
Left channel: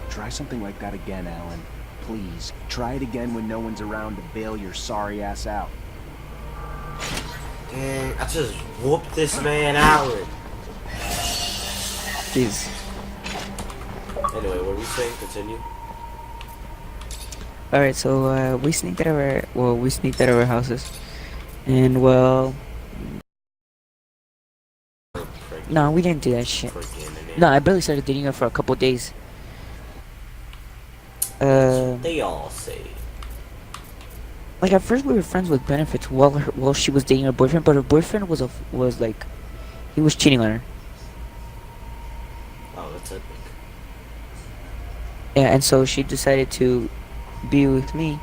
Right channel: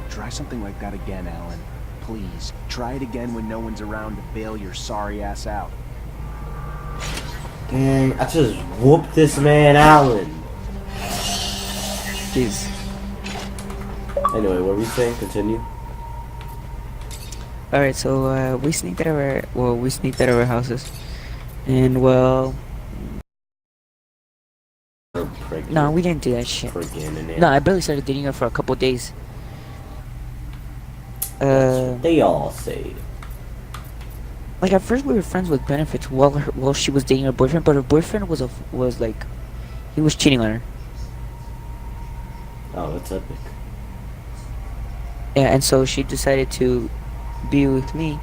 Try something like that again, Alan. Please, try it again when no one's around to bail your sorry ass out. Dang, I just whooped this man, Alan. Jeez. Anyway, what were we saying? Continue. Alright, so we sneaked out of our houses, and well, no, we didn't do that shit. No, I barely started dating her for a couple days. They all say. Like at first we were friends with benefits while she was dating her boyfriend, but her boyfriend was like, he was cheating on her. Oh, that's epic. Yeah, and so she decided to be with me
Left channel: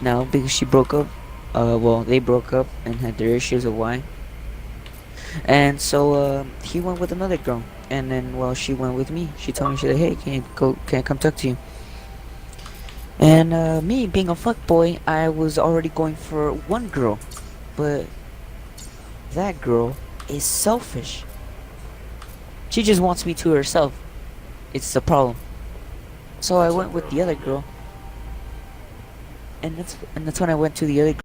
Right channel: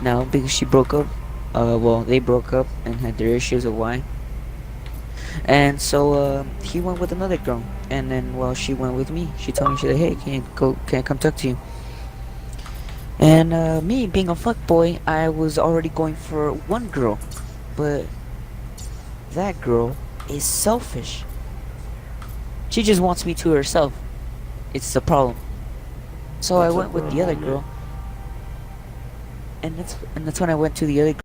now because she broke up. Well, they broke up and had their issues of why. And so he went with another girl, and then while she went with me, she told me, she said, "Hey, can I come talk to you?" And me being a fuckboy, I was already going for one girl, but that girl is selfish. She just wants me to herself. It's the problem. So I went with the other girl. And that's when I went to the other girl.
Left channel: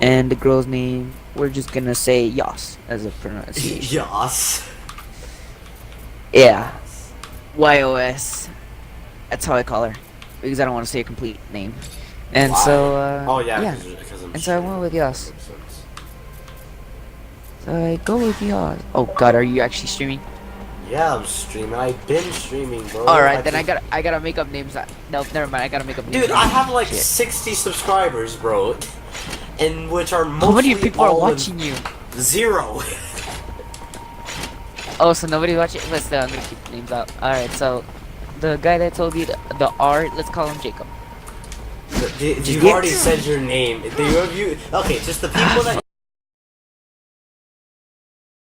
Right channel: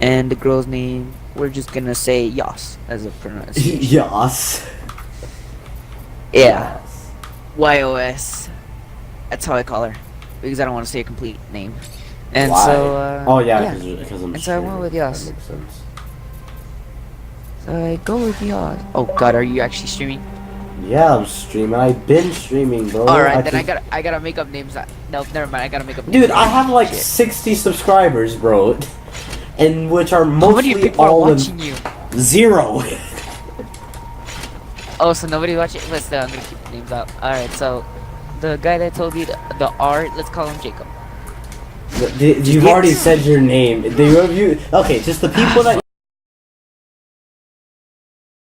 And the girl's name, we're just gonna say Yas as a pronunciation. Yas. Yeah. YOS. That's how I call her. Because I don't want to say a complete name. And Why? so, Oh yeah, yeah. because I'm And so I went streaming. with That Yas. makes sense. So I go with Yas. Oh god, are you actually streaming? Yeah, I'm streaming. I've been streaming, bro. Alright, then can- I gotta make up names. No, never mind, I gotta make up names. Dude, I have like Shit. 60 subscribers, bro. And which are How mostly many people are all in- watching you? 0. Oh, so nobody watching? Let's I'm gonna keep the names out. Alright, so the guy that told you the R, let's call him Jacob. You've already said your name. Okay, just the people that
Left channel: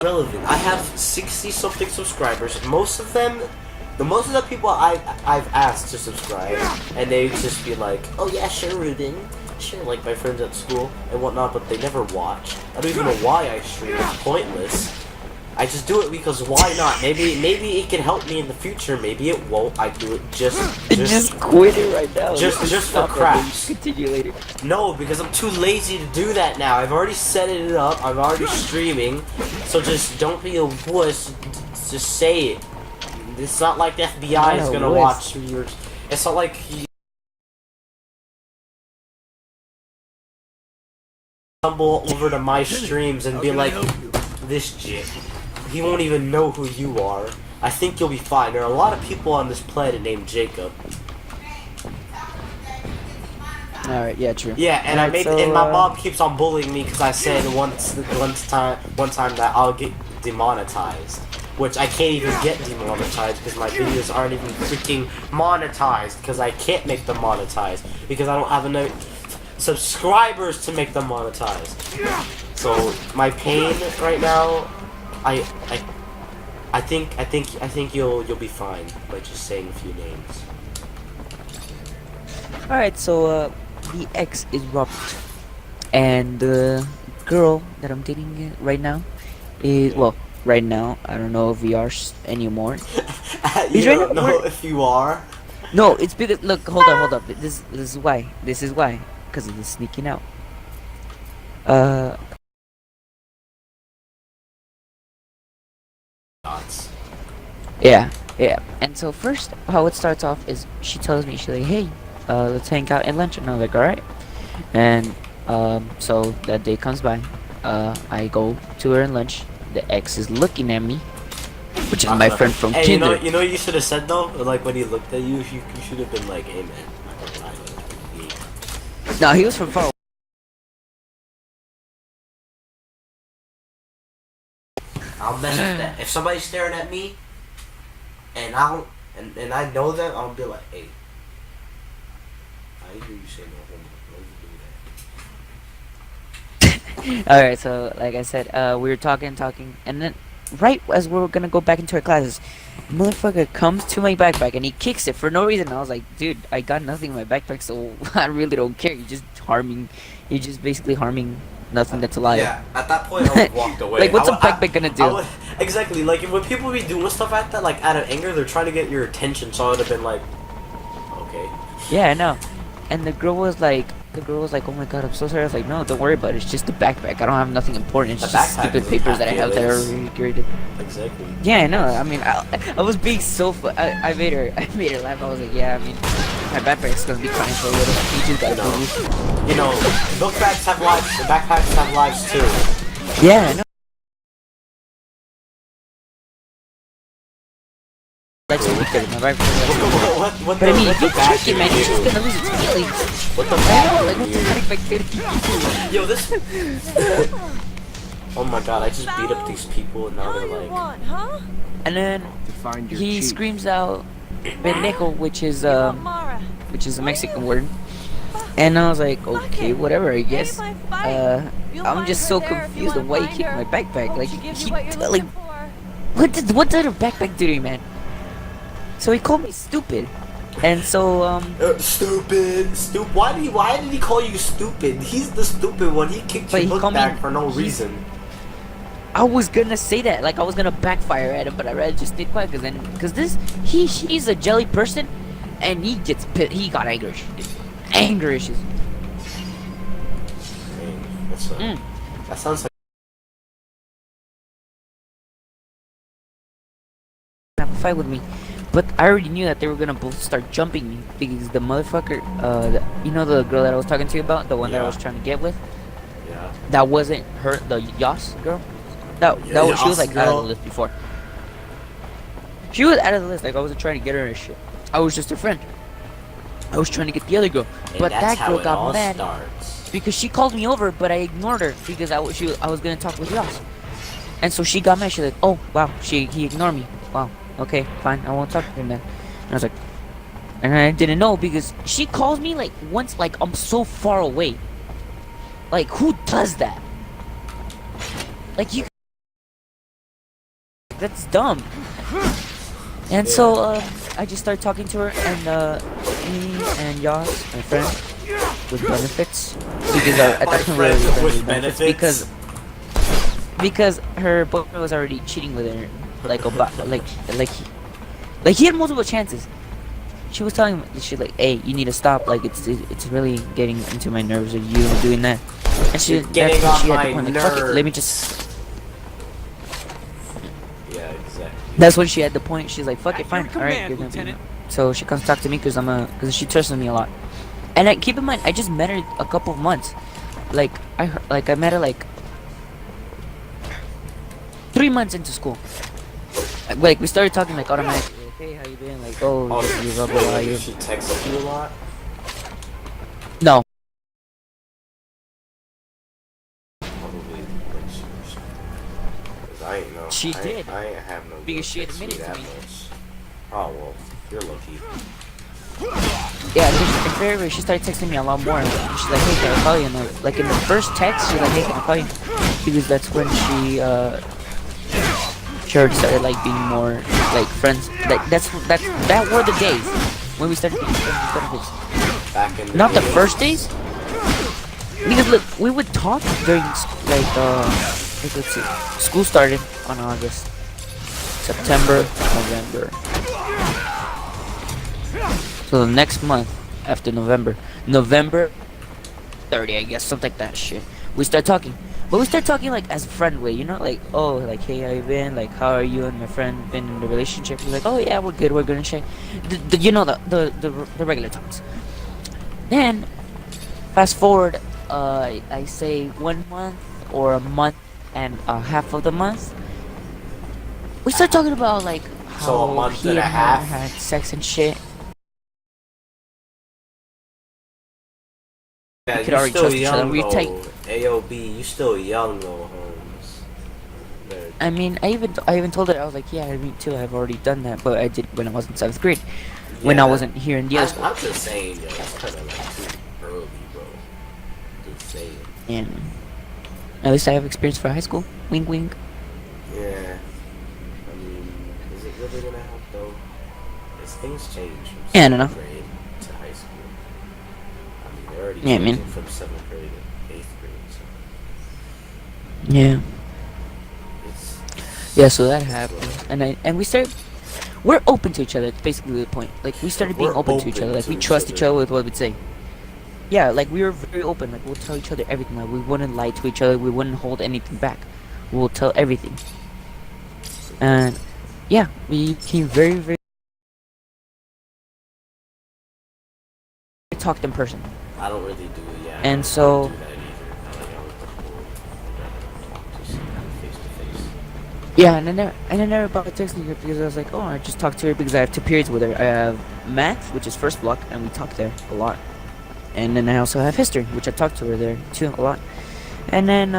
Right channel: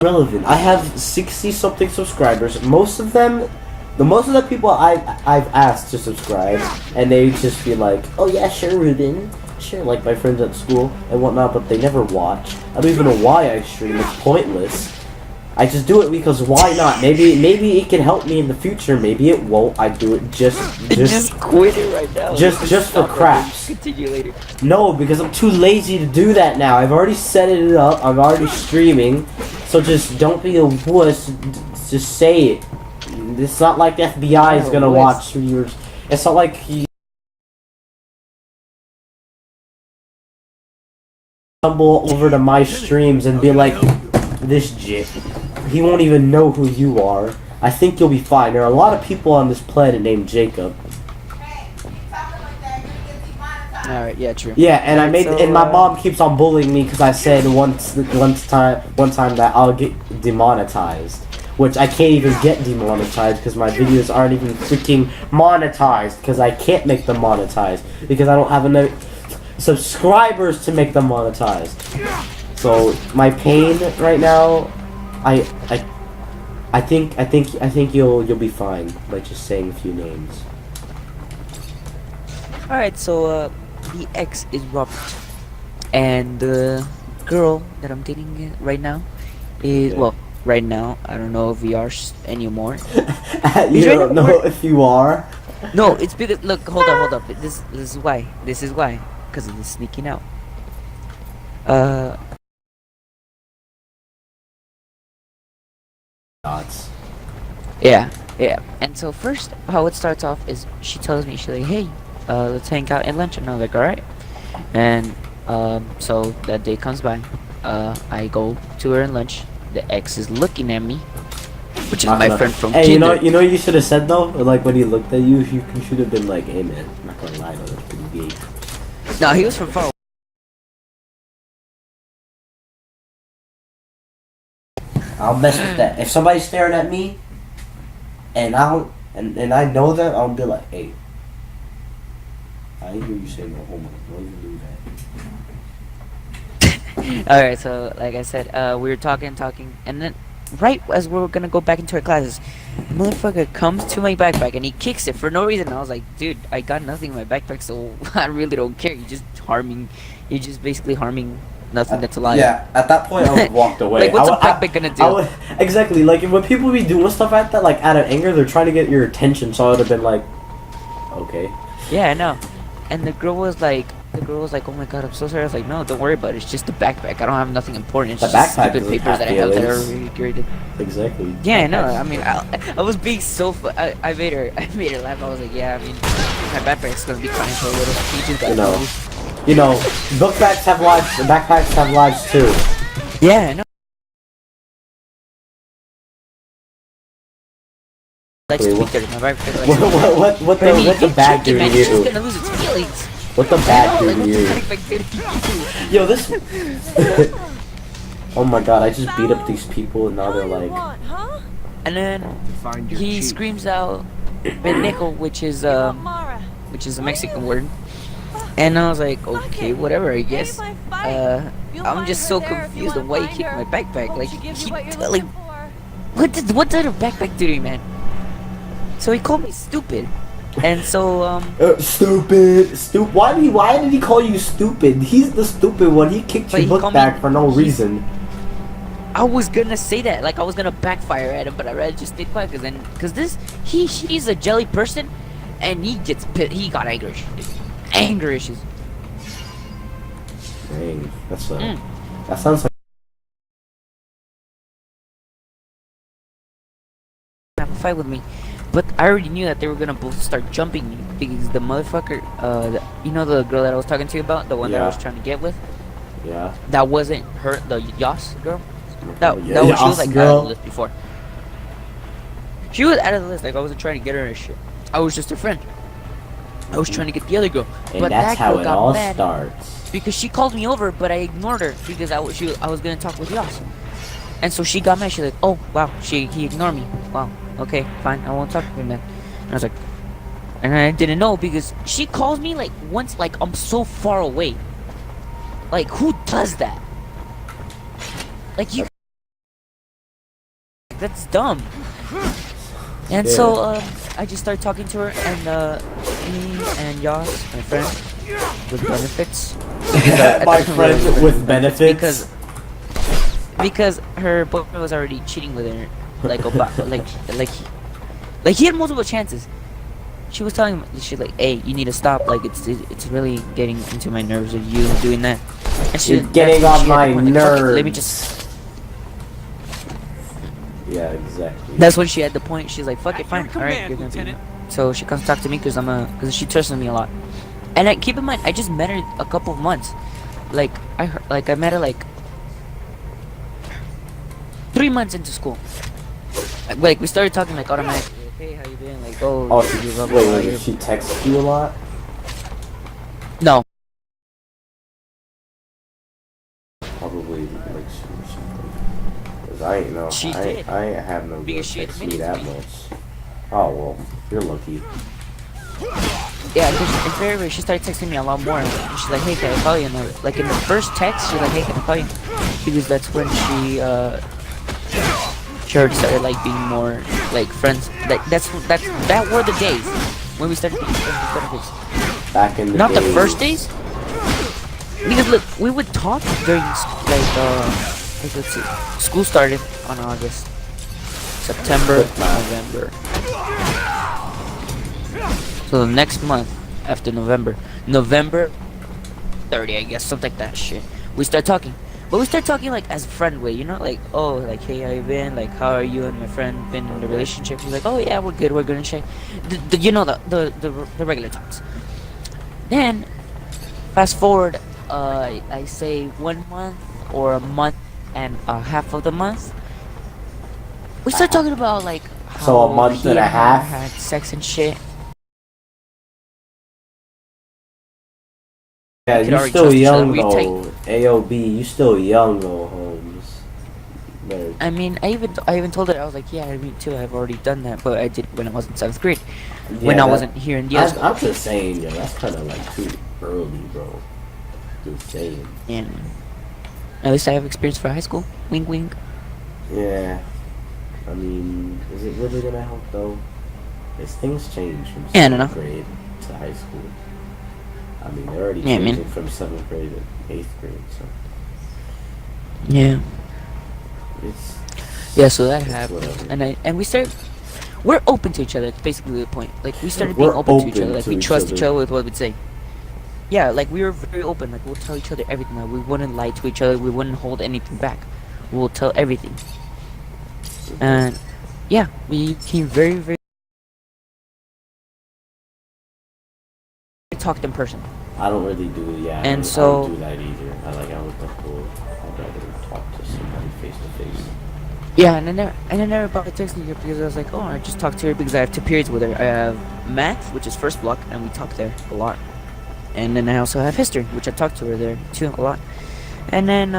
relevant. I have 60 something subscribers. Most of the people I've asked to subscribe, and they just be like, "Oh yeah, sure, Ruben, sure," like my friends at school and whatnot. But they never watch. I don't even know why I stream. It's pointless. I just do it because why not? Maybe it can help me in the future. Maybe it won't. I do it just quit it right now. just for Stop it, craps. then continue later. No, because I'm too lazy to do that now. I've already set it up. I'm already streaming. So just don't be a wuss. Just say it. It's not like the FBI is Not a gonna wuss. watch your. It's not like you stumble over to my streams and be like, this jit. He won't even know who you are. I think you'll be fine. There are a lot of people on this planet named Jacob. Alright, yeah, true. Yeah, and Alright, so, and my mom keeps on bullying me because I said one time that I'll get demonetized, which I can't even get demonetized because my videos aren't even freaking monetized because I can't make them monetized because I don't have enough subscribers to make them monetized. So my pain right now, I think you'll be fine by just saying a few names. Alright, so the ex is Robert, and the girl that I'm dating right now is well, right now I don't know if we are anymore. You don't know if you are. No, it's because look, hold up. This is why. This is why, because of the sneaking out. Yeah. And so first, how it starts off is she tells me, she's like, hey, let's hang out at lunch, and I'm like, alright. And so that day comes by, I go to her at lunch. The ex is looking at me, which is my friend from Hey, Kinder. you know what you should have said though? Like when he looked at you, you should have been like, hey man, I'm not gonna lie, though, that's pretty gay. No, he was from far away. I'll mess with that. If somebody's staring at me, and and I know that, I'll be like, hey, I hear you say no homo. Why you do that? Alright, so like I said, we were talking, and then right as we were gonna go back into our classes, motherfucker comes to my backpack and he kicks it for no reason. I was like, dude, I got nothing in my backpack, so I really don't care. You're just basically harming nothing that's alive. Yeah, at that point I would walked away. Like, what's a a backpack gonna do? Exactly, like when people be doing stuff like that, like out of anger, they're trying to get your attention, so I would have been like, okay. Yeah, I know. And the girl was like, oh my god, I'm so sorry. I was like, no, don't worry about it. It's just a backpack. I don't have nothing important. It's The just backpack stupid doesn't papers that I have that are feelings. really graded. Exactly. Yeah, I know. I mean, I was being so. I made her laugh. I was like, yeah. I mean, my backpack's gonna be crying for a little. You just gotta move. You know, book bags have lives. Backpacks have lives too. Yeah, I know. Like to speak to my backpack. What But I mean, the you bag check do it, man. to You're just you? gonna lose its feelings. What the I bag know. do Like, to what the you? backpack did to you? Yo, this. Oh my god, I just beat up these people and now they're like. And then To find your he cheek. screams out pendejo, which is a Mexican word. And I was like, okay, whatever, I guess. I'm just so confused on why he kicked my backpack. Like, what did a backpack do to me, man? So he called me stupid. And so Stupid. Why did he call you stupid? He's the stupid one. He kicked But your he book called me- back for no he's- reason. I was gonna say that, like I was gonna backfire at him, but I rather just stayed quiet because he's a jelly person, and he got anger issues. Anger issues. Dang, that's Mm. that sounds like Have a fight with me, but I already knew that they were gonna both start jumping me because the motherfucker, you know the girl that I was talking to you about, the one that I Yeah. was trying to get with, yeah. that wasn't her, the Yas girl. That was, she was Yas like out girl. of the list before. She was out of the list. Like I wasn't trying to get her and shit. I was just her friend. I was trying to get the other girl, And but that's that how girl it got all mad starts. because she called me over, but I ignored her because I was gonna talk with Yas, and so she got mad. She's like, "Oh wow, he ignored me. Wow, okay, fine, I won't talk to him then." And I was like, and I didn't know because she calls me like once, like I'm so far away. Like who does that? Like you. That's dumb. And so I just started talking to her, and me and Yas, my friend, with benefits, because at My that point we friend were already with friends benefits? because her boyfriend was already cheating with her, like about like he had multiple chances. She was telling him, she's like, "Hey, you need to stop. Like it's really getting into my nerves of you doing that." And she You're getting that's when on she had the my point, like, "Fuck it, let me nerves." just. Yeah, exactly. That's when she had the point. She's like, "Fuck it, fine, Your all right, command, you're gonna be." Lieutenant. So she comes talk to me because she trusts me a lot. And keep in mind, I just met her a couple of months. Like I met her like 3 months into school. Like we started talking like automatically. Like, hey, how you been? Like, oh, Oh, you blah, blah, blah, wait, you- she texted you a lot? No. Probably like she or something. Cause I ain't know. She I, did. I ain't have no Because girl she text me admitted to that me. much. Oh well, you're lucky. Yeah, because in February she started texting me a lot more. And she's like, "Hey, can I call you?" And like in the first text, she's like, "Hey, can I call you?" Because that's when she already started like being more like friends. Like that were the days when we started being friends with benefits. Back in the Not the days. first days, because look, we would talk during like let's see, school started on August, September, November. So the next month after November 30, I guess, something like that shit. We start talking, but we start talking like as a friend way, you know, like, oh, like, hey, how you been? Like, how are you and my friend been in the relationship? She's like, oh yeah, we're good and shit. You know, the regular talks. Then fast forward, I say 1 month or a month and a half of the month, we start talking about like how So a month he and a her half? had sex and shit. Yeah, could you already still trust each other. young We though. take- AOB, you still young though, Holmes. Better- I mean, I even told her, I was like, yeah, me too. I've already done that, but I did when I was in 7th grade, when Yeah, I that- wasn't here in Diaz. I'm just saying, yo, that's kind of like too early, bro. Just saying. And at least I have experience for high school. Wink, wink. Yeah. I mean, is it really gonna help though? As things change from Yeah, I don't know. 7th grade to high school. I mean, they're already Yeah, man. changing from 7th grade to 8th grade, so Yeah. it's Yeah, so that happened, and we started. We're open to each other. That's basically the point. Like we started being We're open to each other. open Like we to each trust each other. other with what we'd say. Yeah, like we were very open. Like we'll tell each other everything. Like we wouldn't lie to each other. We wouldn't hold anything back. We'll tell everything. And yeah, we became very, very. Talked in person. I don't really do yeah. And I so- don't do that either. I like I would prefer I'd rather talk to somebody face to face. Yeah, and I never bothered texting her because I was like, oh, I just talked to her because I have 2 periods with her. I have math, which is first block, and we talk there a lot. And then I also have history, which I talked to her there too a lot. And then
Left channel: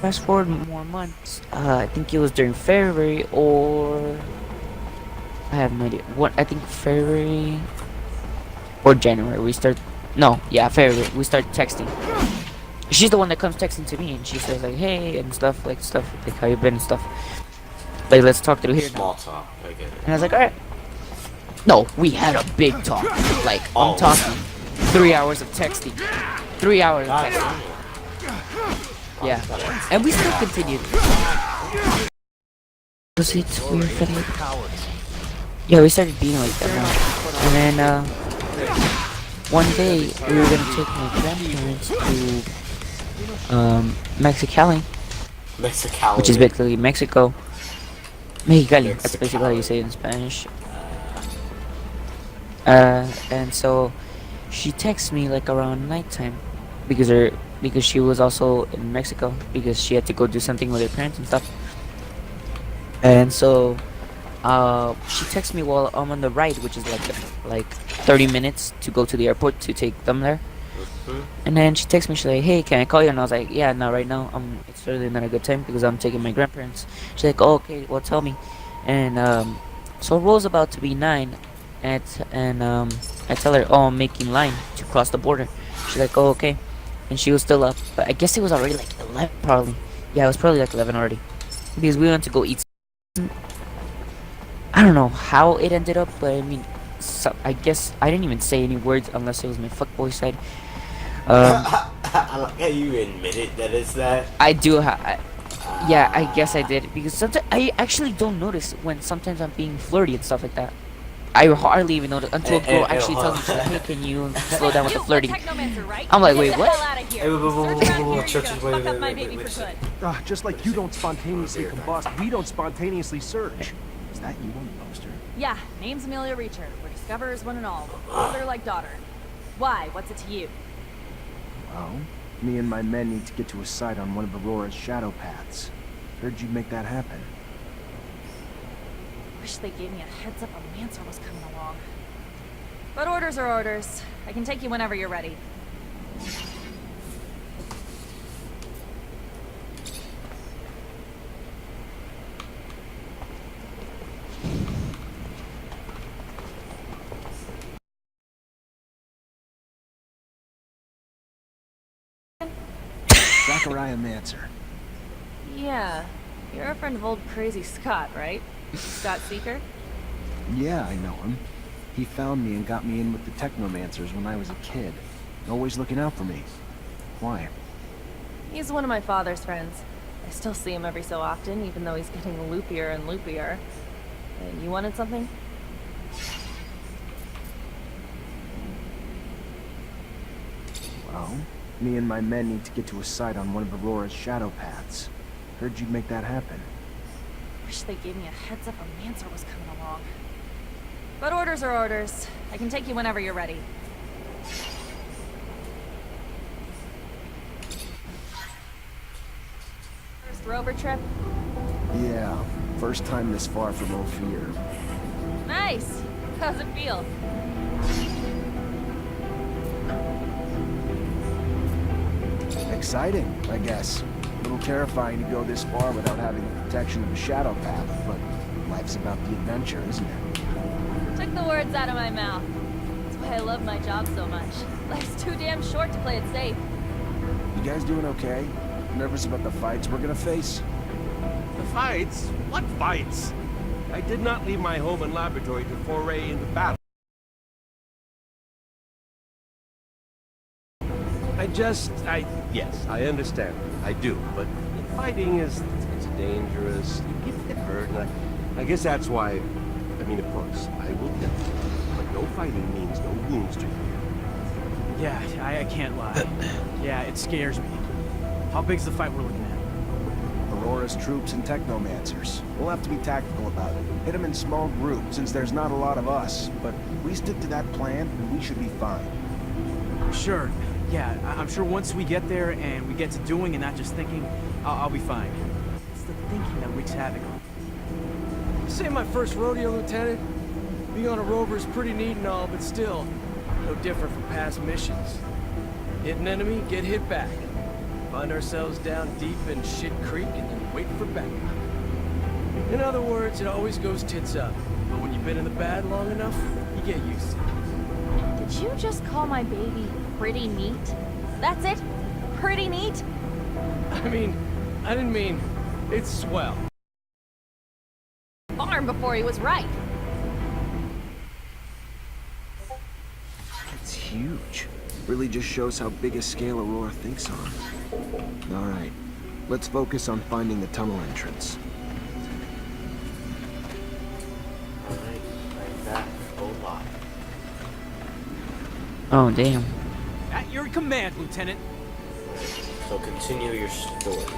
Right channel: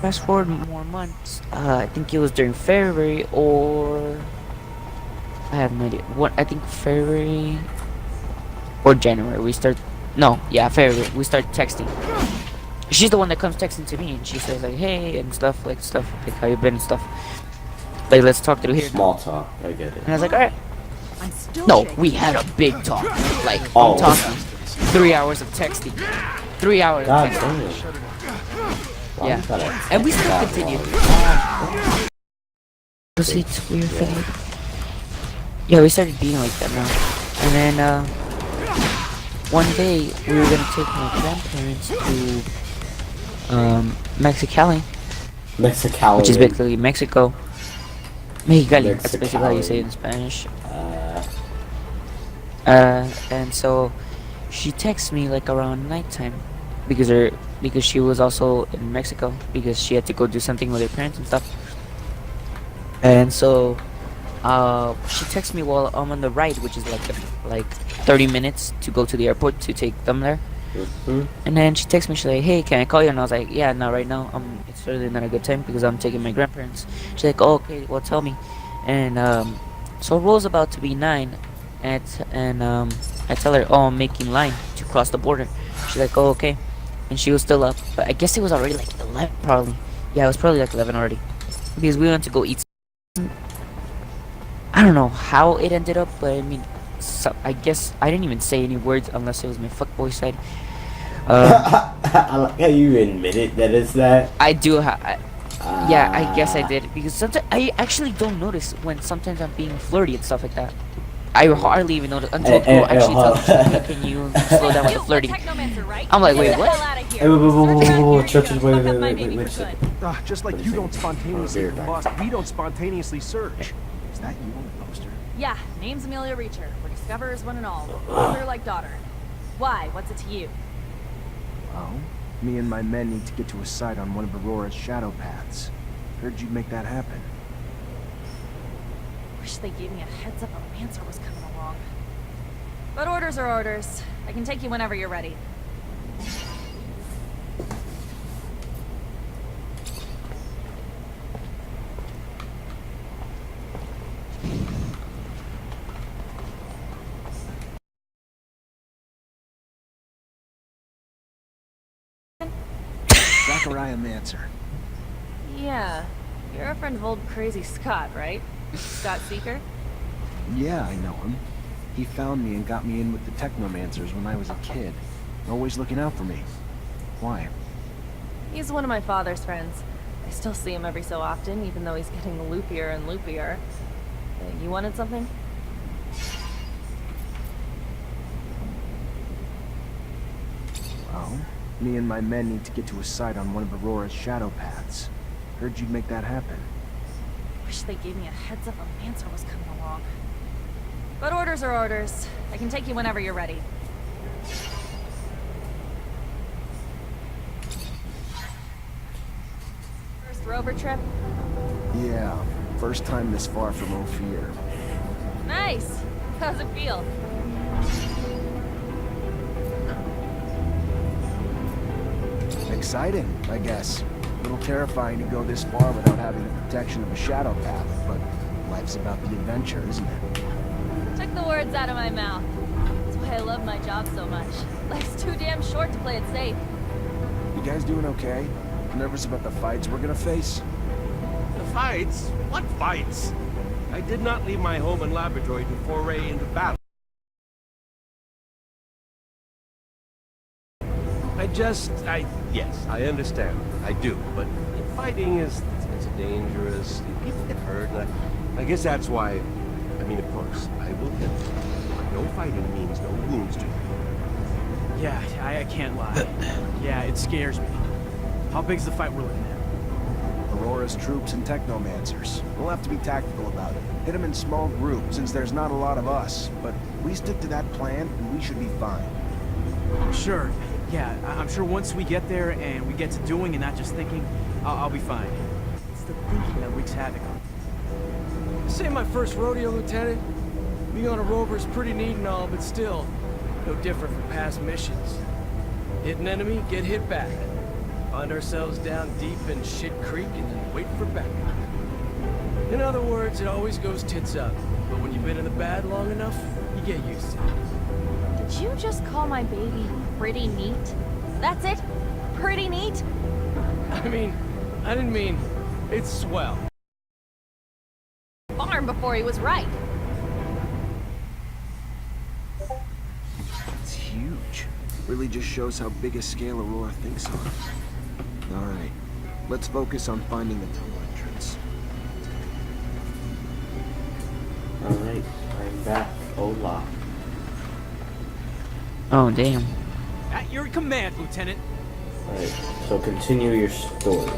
fast forward more months. I think it was during February or I have no idea. What I think February or January we start. No, yeah, February we start texting. She's the one that comes texting to me, and she says like, "Hey," and stuff like how you been and stuff. Like, let's talk through here now. Small talk, I get it. And I was like, all right. No, we had a big talk. Like, Oh. I'm talking 3 hours of texting. 3 hours of God texting. damn it. Yeah. And we still continued. It's weird for me. Yeah, we started being like that now. And then, one day, we were gonna take my grandparents to, Mexicali, Mexicali. which is basically Mexico. Mexicali, that's basically how you say it in Spanish. And so, she texted me like around nighttime, because she was also in Mexico, because she had to go do something with her parents and stuff. And so, she texted me while I'm on the ride, which is like 30 minutes to go to the airport to take them there. And then she texted me, she's like, hey, can I call you? And I was like, yeah, not right now. It's really not a good time because I'm taking my grandparents. She's like, oh, okay, well, tell me. And so it rolls about to be 9, and I tell her, oh, I'm making line to cross the border. She's like, oh, okay. And she was still up, but I guess it was already like 11 probably. Yeah, it was probably like 11 already, because we went to go eat. I don't know how it ended up, but I mean, so I guess I didn't even say any words unless it was my fuckboy side. I like how you admitted that it's that. I do. Yeah, I guess I did, because sometimes I actually don't notice when sometimes I'm being flirty and stuff like that. I hardly even notice until a girl actually tells me, hey, can you slow down with the flirting? I'm like, wait, what? Just like you don't spontaneously combust, we don't spontaneously search. Is that you on the poster? Yeah, name's Amelia Reacher. We're discoverers one and all. Father like daughter. Why? What's it to you? Well, me and my men need to get to a site on one of Aurora's shadow paths. Heard you'd make that happen. Wish they gave me a heads up a Mancer was coming along. But orders are orders. I can take you whenever you're ready. Zachariah Mancer. Yeah, you're a friend of old crazy Scott, right? Scott Seeker? Yeah, I know him. He found me and got me in with the Technomancers when I was a kid. Always looking out for me. Why? He's one of my father's friends. I still see him every so often, even though he's getting loopier and loopier. You wanted something? Well, me and my men need to get to a site on one of Aurora's shadow paths. Heard you'd make that happen. Wish they gave me a heads up a Mancer was coming along. But orders are orders. I can take you whenever you're ready. First rover trip? Yeah, first time this far from Ophir. Nice! How's it feel? Exciting, I guess. A little terrifying to go this far without having the protection of a shadow path, but life's about the adventure, isn't it? Took the words out of my mouth. That's why I love my job so much. Life's too damn short to play it safe. You guys doing okay? Nervous about the fights we're gonna face? The fights? What fights? I did not leave my home and laboratory to foray into battle. Yes, I understand. I do, but fighting it's dangerous. People get hurt, and I guess that's why, I mean, of course, I will kill you, but no fighting means no wounds to you. Yeah, I can't lie. Yeah, it scares me. How big's the fight we're looking at? Aurora's troops and Technomancers. We'll have to be tactical about it. Hit them in small groups, since there's not a lot of us. But we stick to that plan, and we should be fine. Sure. Yeah, I'm sure once we get there and we get to doing and not just thinking, I'll be fine. It's the thinking that wreaks havoc on me. This ain't my first rodeo, Lieutenant. Being on a rover is pretty neat and all, but still, no different from past missions. Hit an enemy, get hit back. Find ourselves down deep in Shit Creek and then wait for backup. In other words, it always goes tits up. But when you've been in the bad long enough, you get used to it. Did you just call my baby pretty neat? That's it? Pretty neat? I didn't mean, it's swell. Farm before he was right. huge. Really just shows how big a scale Aurora thinks on. Alright, let's focus on finding the tunnel entrance. Alright, I'm back. Hola. Oh, damn. At your command, Lieutenant. Alright, so continue your story.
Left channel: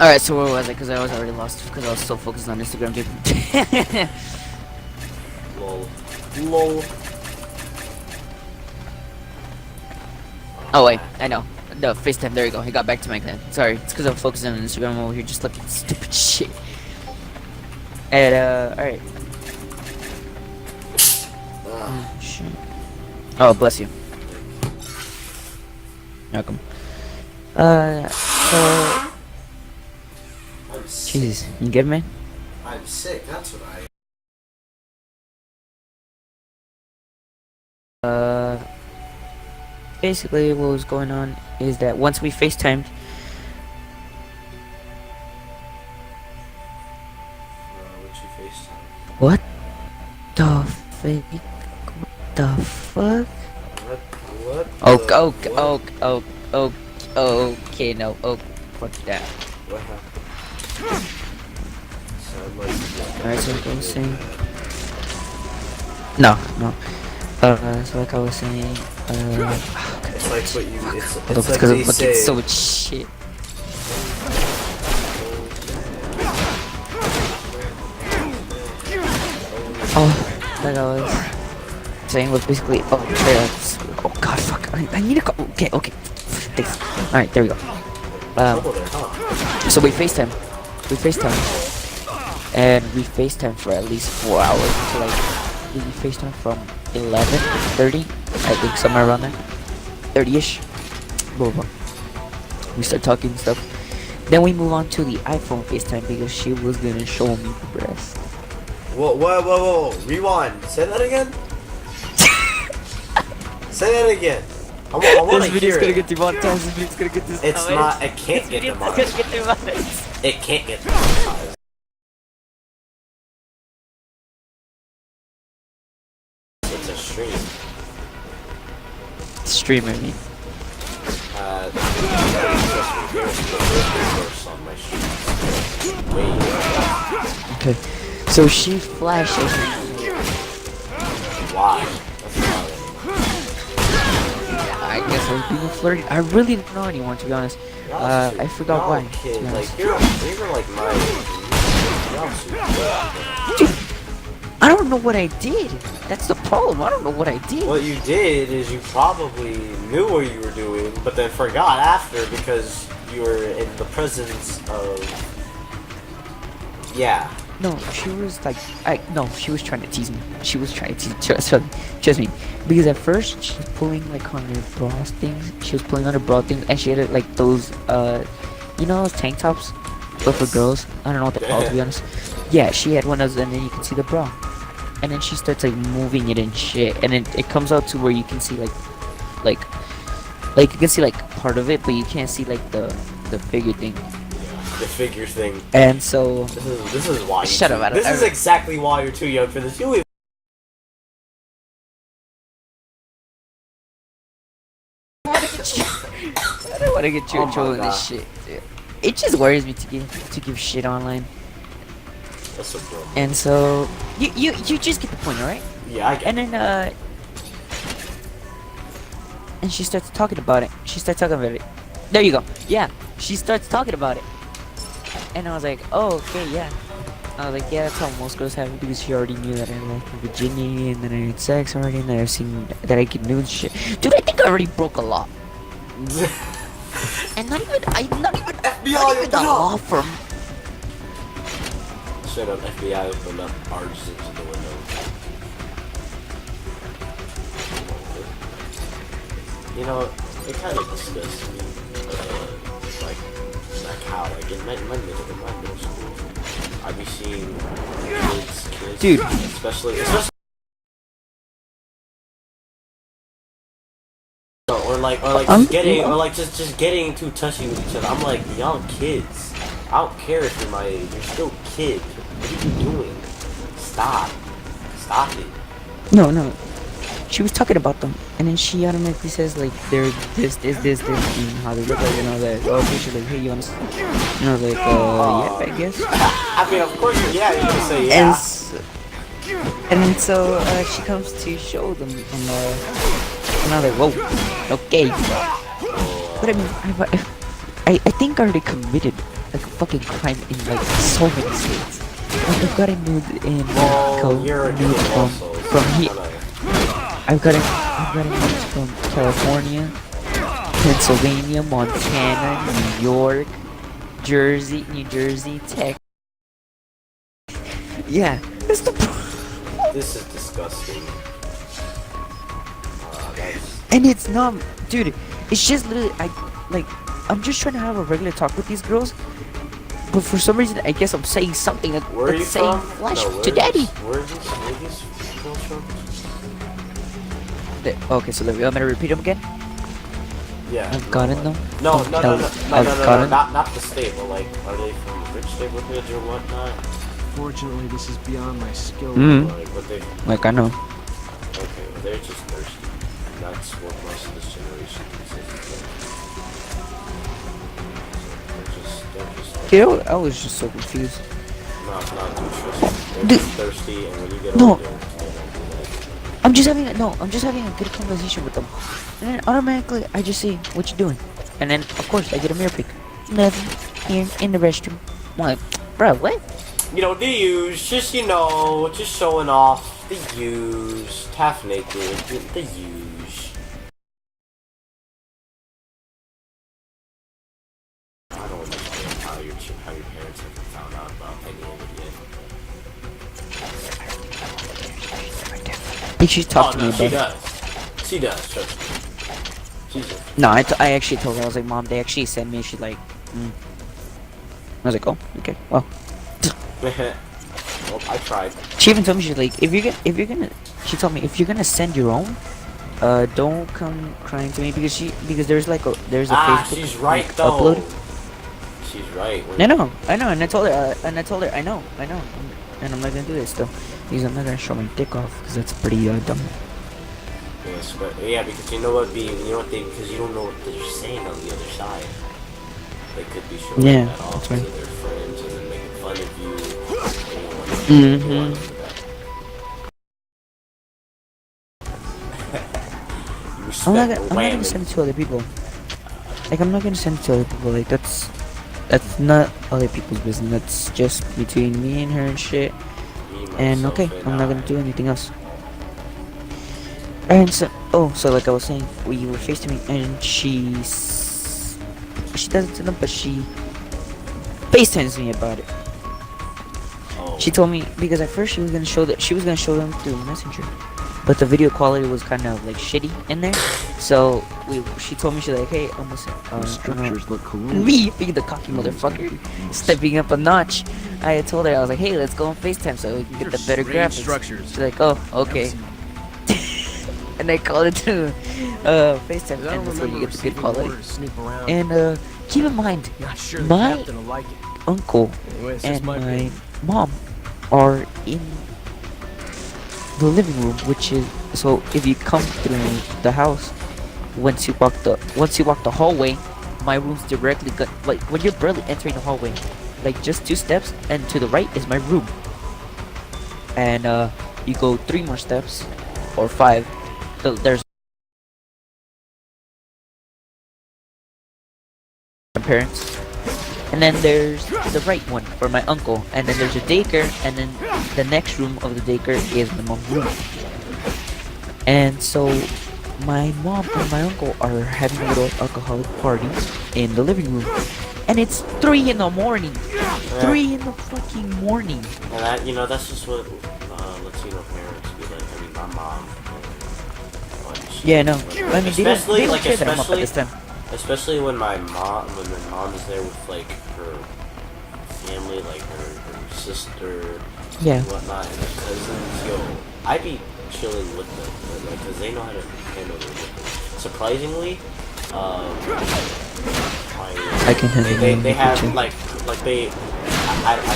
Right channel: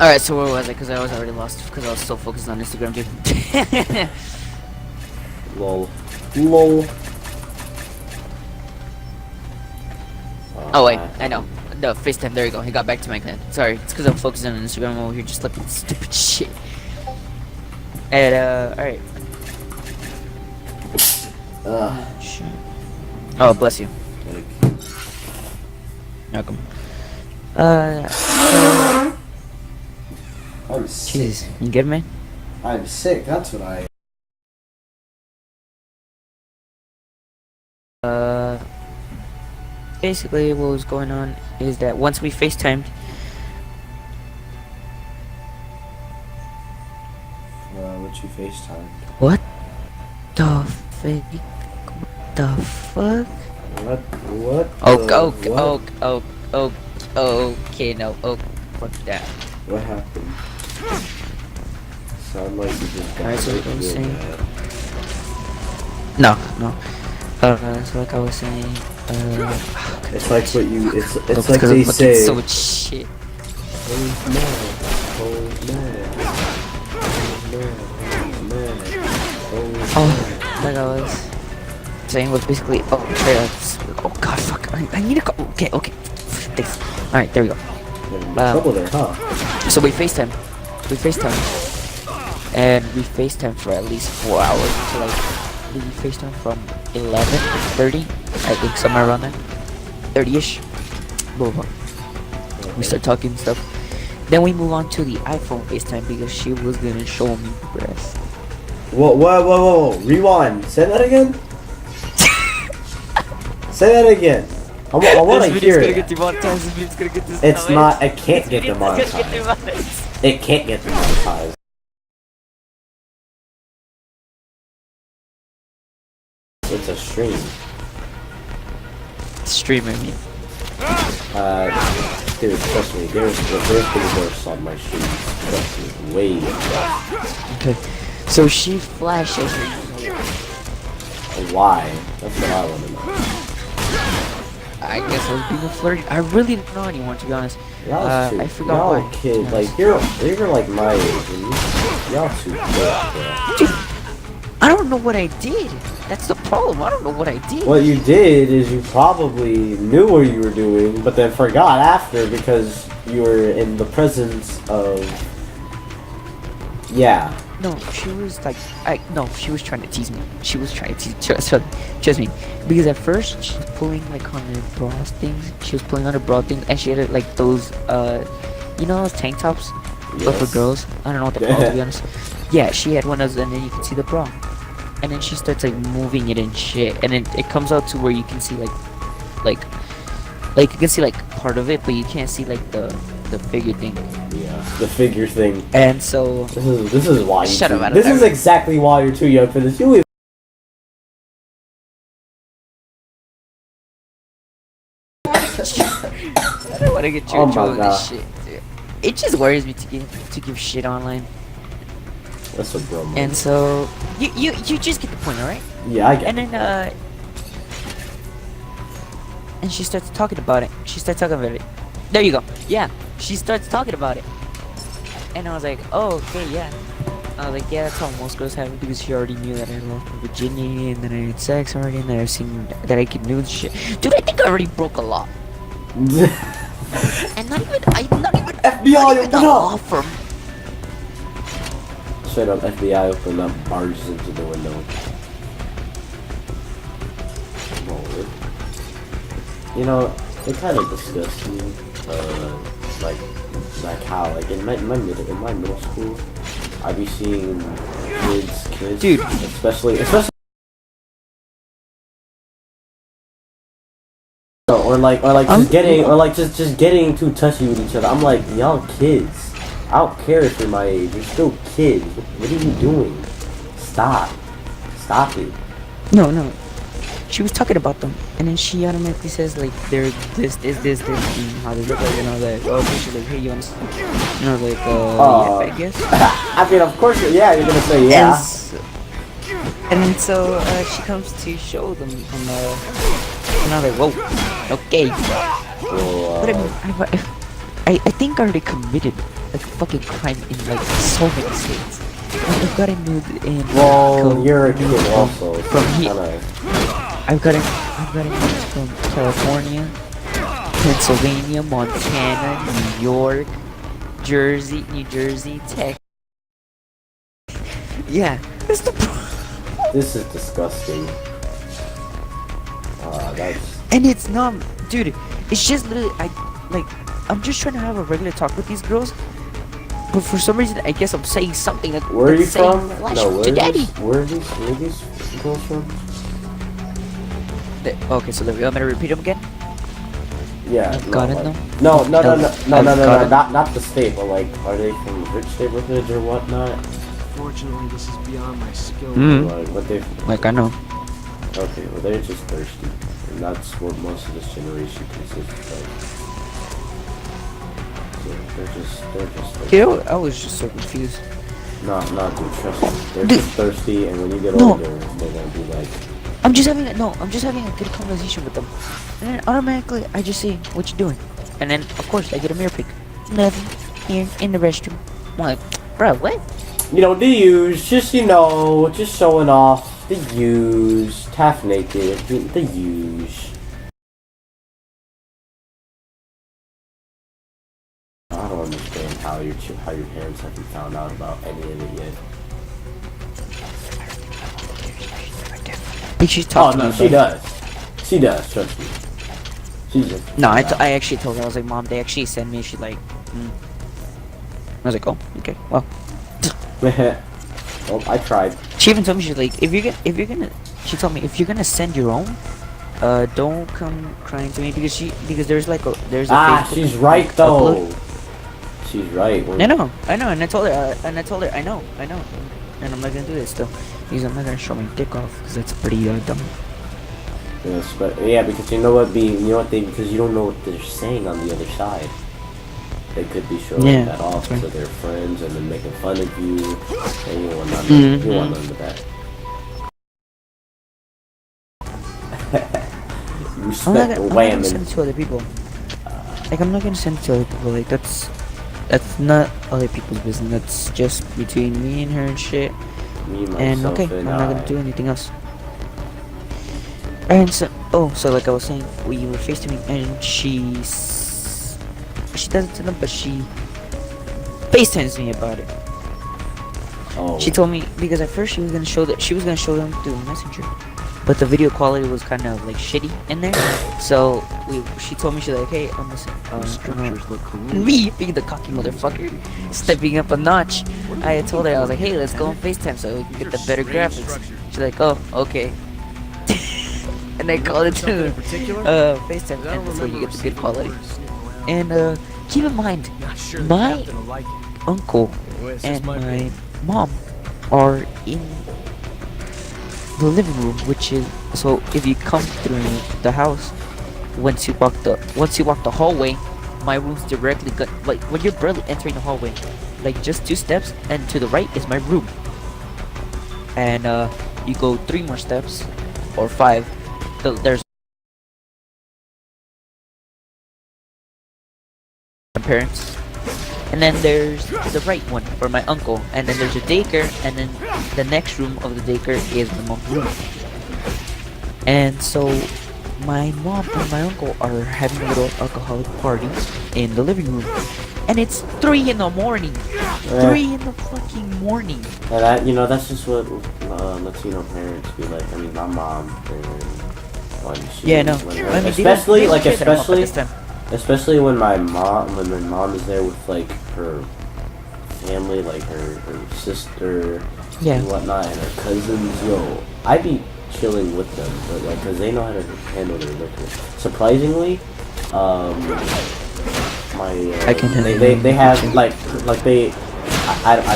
Alright, so where was I? Because I was already lost because I was so focused on Instagram, dude. Lol. Lol. Oh, wait, I know. No, FaceTime, there you go. He got back to my clan. Sorry, it's because I'm focused on Instagram over here just looking at stupid shit. And, alright. Shit. Oh, bless you. Welcome. So... I'm sick. Jeez, you good, man? I'm sick, that's what I... Basically what was going on is that once we FaceTimed... what you FaceTime? What the fake? What the fuck? What? Okay, no, fuck that. What happened? Sound like you just Alright, so like I was real saying... bad. No. So like I was saying, It's like what you, it's look, like because they I'm looking say. so much shit. Oh, like I was saying was basically, oh god, fuck, I need to go, okay, thanks. Alright, there we go. So we FaceTime, and we FaceTime for at least 4 hours, so like, we FaceTime from 11 to 30, I think somewhere around there, 30ish, blah, blah. We start talking and stuff. Then we move on to the iPhone FaceTime because she was gonna show me the breast. Whoa, rewind, say that again? Say that again. I want to hear gonna it. get demonetized, this video's gonna get this. It's not, it can't get demonetized. It can't get demonetized. It's a stream. Stream, I mean. Trust me, there's worse on my stream. Way worse. Okay. So she flashes. Why? That's what I want to know. I guess I was being flirty. I really don't know anymore, to be honest. I forgot why. Kid, like you're like my age. Y'all too close. Dude, I don't know what I did. That's the problem. I don't know what I did. What you did is you probably knew what you were doing, but then forgot after because you were in the presence of. Yeah. No, she was like, she was trying to tease me. She was trying to tease, trust me. Because at first, she was pulling like on her bra things. She was pulling on her bra things, and she had like those, you know those tank tops? But for girls. I don't know what they're called, to be honest. Yeah, she had one of those, and then you can see the bra. And then she starts like moving it and shit. And then it comes out to where you can see like you can see like part of it, but you can't see like the figure thing. The figure thing. And so this is why. Shut up! This is exactly why you're too young for this. You. I don't want to get you in trouble with this shit. Dude. It just worries me to give shit online. That's a problem. And so you just get the point, alright? Yeah, I get. And then and she starts talking about it. There you go. Yeah, she starts talking about it. And I was like, oh, okay, yeah. I was like, yeah, that's how most girls have it because she already knew that I lost my virginity and then I had sex already and that I've seen that I could nude shit. Dude, I think I already broke a law. And not even the law firm. Straight up FBI opened up, barges into the window. You know, it kind of disgusts me, like how, like in my middle school, I'd be seeing kids, dude, especially, just getting too touchy with each other. I'm like, y'all kids. I don't care if you're my age. You're still kids. What are you doing? Stop it. No. she was talking about them, and then she automatically says like they're this, and how they look like, and I was like, oh, she's like, hey, you want to? And I was like, yeah, I guess. I mean, of course, yeah, you're gonna say yeah. And then so she comes to show them, and I was like, whoa, okay. But I mean, I think I already committed like a fucking crime in like so many states. Like, I've gotten nude in Mexico, you're a nude kid also, from here. I've gotten nudes from California, Pennsylvania, Montana, New York, New Jersey, Texas. Yeah, that's the. This is disgusting. That's... And it's not, dude. It's just literally, I'm just trying to have a regular talk with these girls, but for some reason, I guess I'm saying something that's saying flash to daddy. Where are these girls from? Okay, so you want me to repeat them again? Yeah. I've gotten them. No, not the state, but like, are they from rich neighborhoods or whatnot? Fortunately, this is beyond my skill. Like, what they... Like, I know. Okay, well, they're just thirsty. And that's what most of this generation consists of. So they're just thirsty. You know, I was just so confused. No, dude, trust me. They're just thirsty, and when you get older, they won't do that. I'm just having a good conversation with them. And then automatically, I just say, what you doing? And then, of course, I get a mirror pic. Nothing. Here, in the restroom. I'm like, bro, what? You know, the use, just, you know, just showing off. The use. Half naked. The use. I don't understand how your parents haven't found out about any of it yet. I think she's talking to me, she does. She does, trust me. No, I actually told her, I was like, Mom, they actually sent me, she's like, I was like, oh, okay, well. Well, I tried. She even told me, she's like, she told me, if you're gonna send your own, don't come crying to me, because there's a Facebook she's right though. upload. She's right. I know, and I told her, I know, and I'm not gonna do this though, because I'm not gonna show my dick off, because that's pretty dumb. Yes, but yeah, because you know what, because you don't know what they're saying on the other side. They could be showing that off to their friends and then making fun of you. And you want them to back. I'm not gonna send it to other people. Like, I'm not gonna send it to other people. Like, that's not other people's business. That's just between me and her and shit. And okay, I'm not gonna do anything else. And so, so like I was saying, we were FaceTiming, and she doesn't tell them, but she FaceTimes me about it. She told me, because at first she was gonna show them through Messenger, but the video quality was kind of like shitty in there. So she told me, she's like, hey, I'm listening. Structures look cool. Me being the cocky motherfucker, stepping up a notch. I told her, I was like, hey, let's go on FaceTime so we can get the better graphics. She's like, oh, okay. And I called it to FaceTime, and that's where you get the good quality. And keep in mind, my uncle and my mom are in the living room, which is, so if you come through the house, once you walk the hallway, my room's directly like when you're barely entering the hallway, like just 2 steps, and to the right is my room. And you go 3 more steps or 5. There's my parents, and then there's the right one for my uncle, and then there's a daycare, and then the next room of the daycare is my mom's room. And so my mom and my uncle are having a little alcoholic party in the living room, and it's 3 in the morning. 3 in the fucking morning. And that's just what Latino parents be like. I mean, my mom. Yeah, no. I mean, especially when my mom is there with like her family, like her sister, and whatnot, and her cousins. Yo, I be chilling with them, because they know how to handle their liquor. Surprisingly, I can handle they have like they. I don't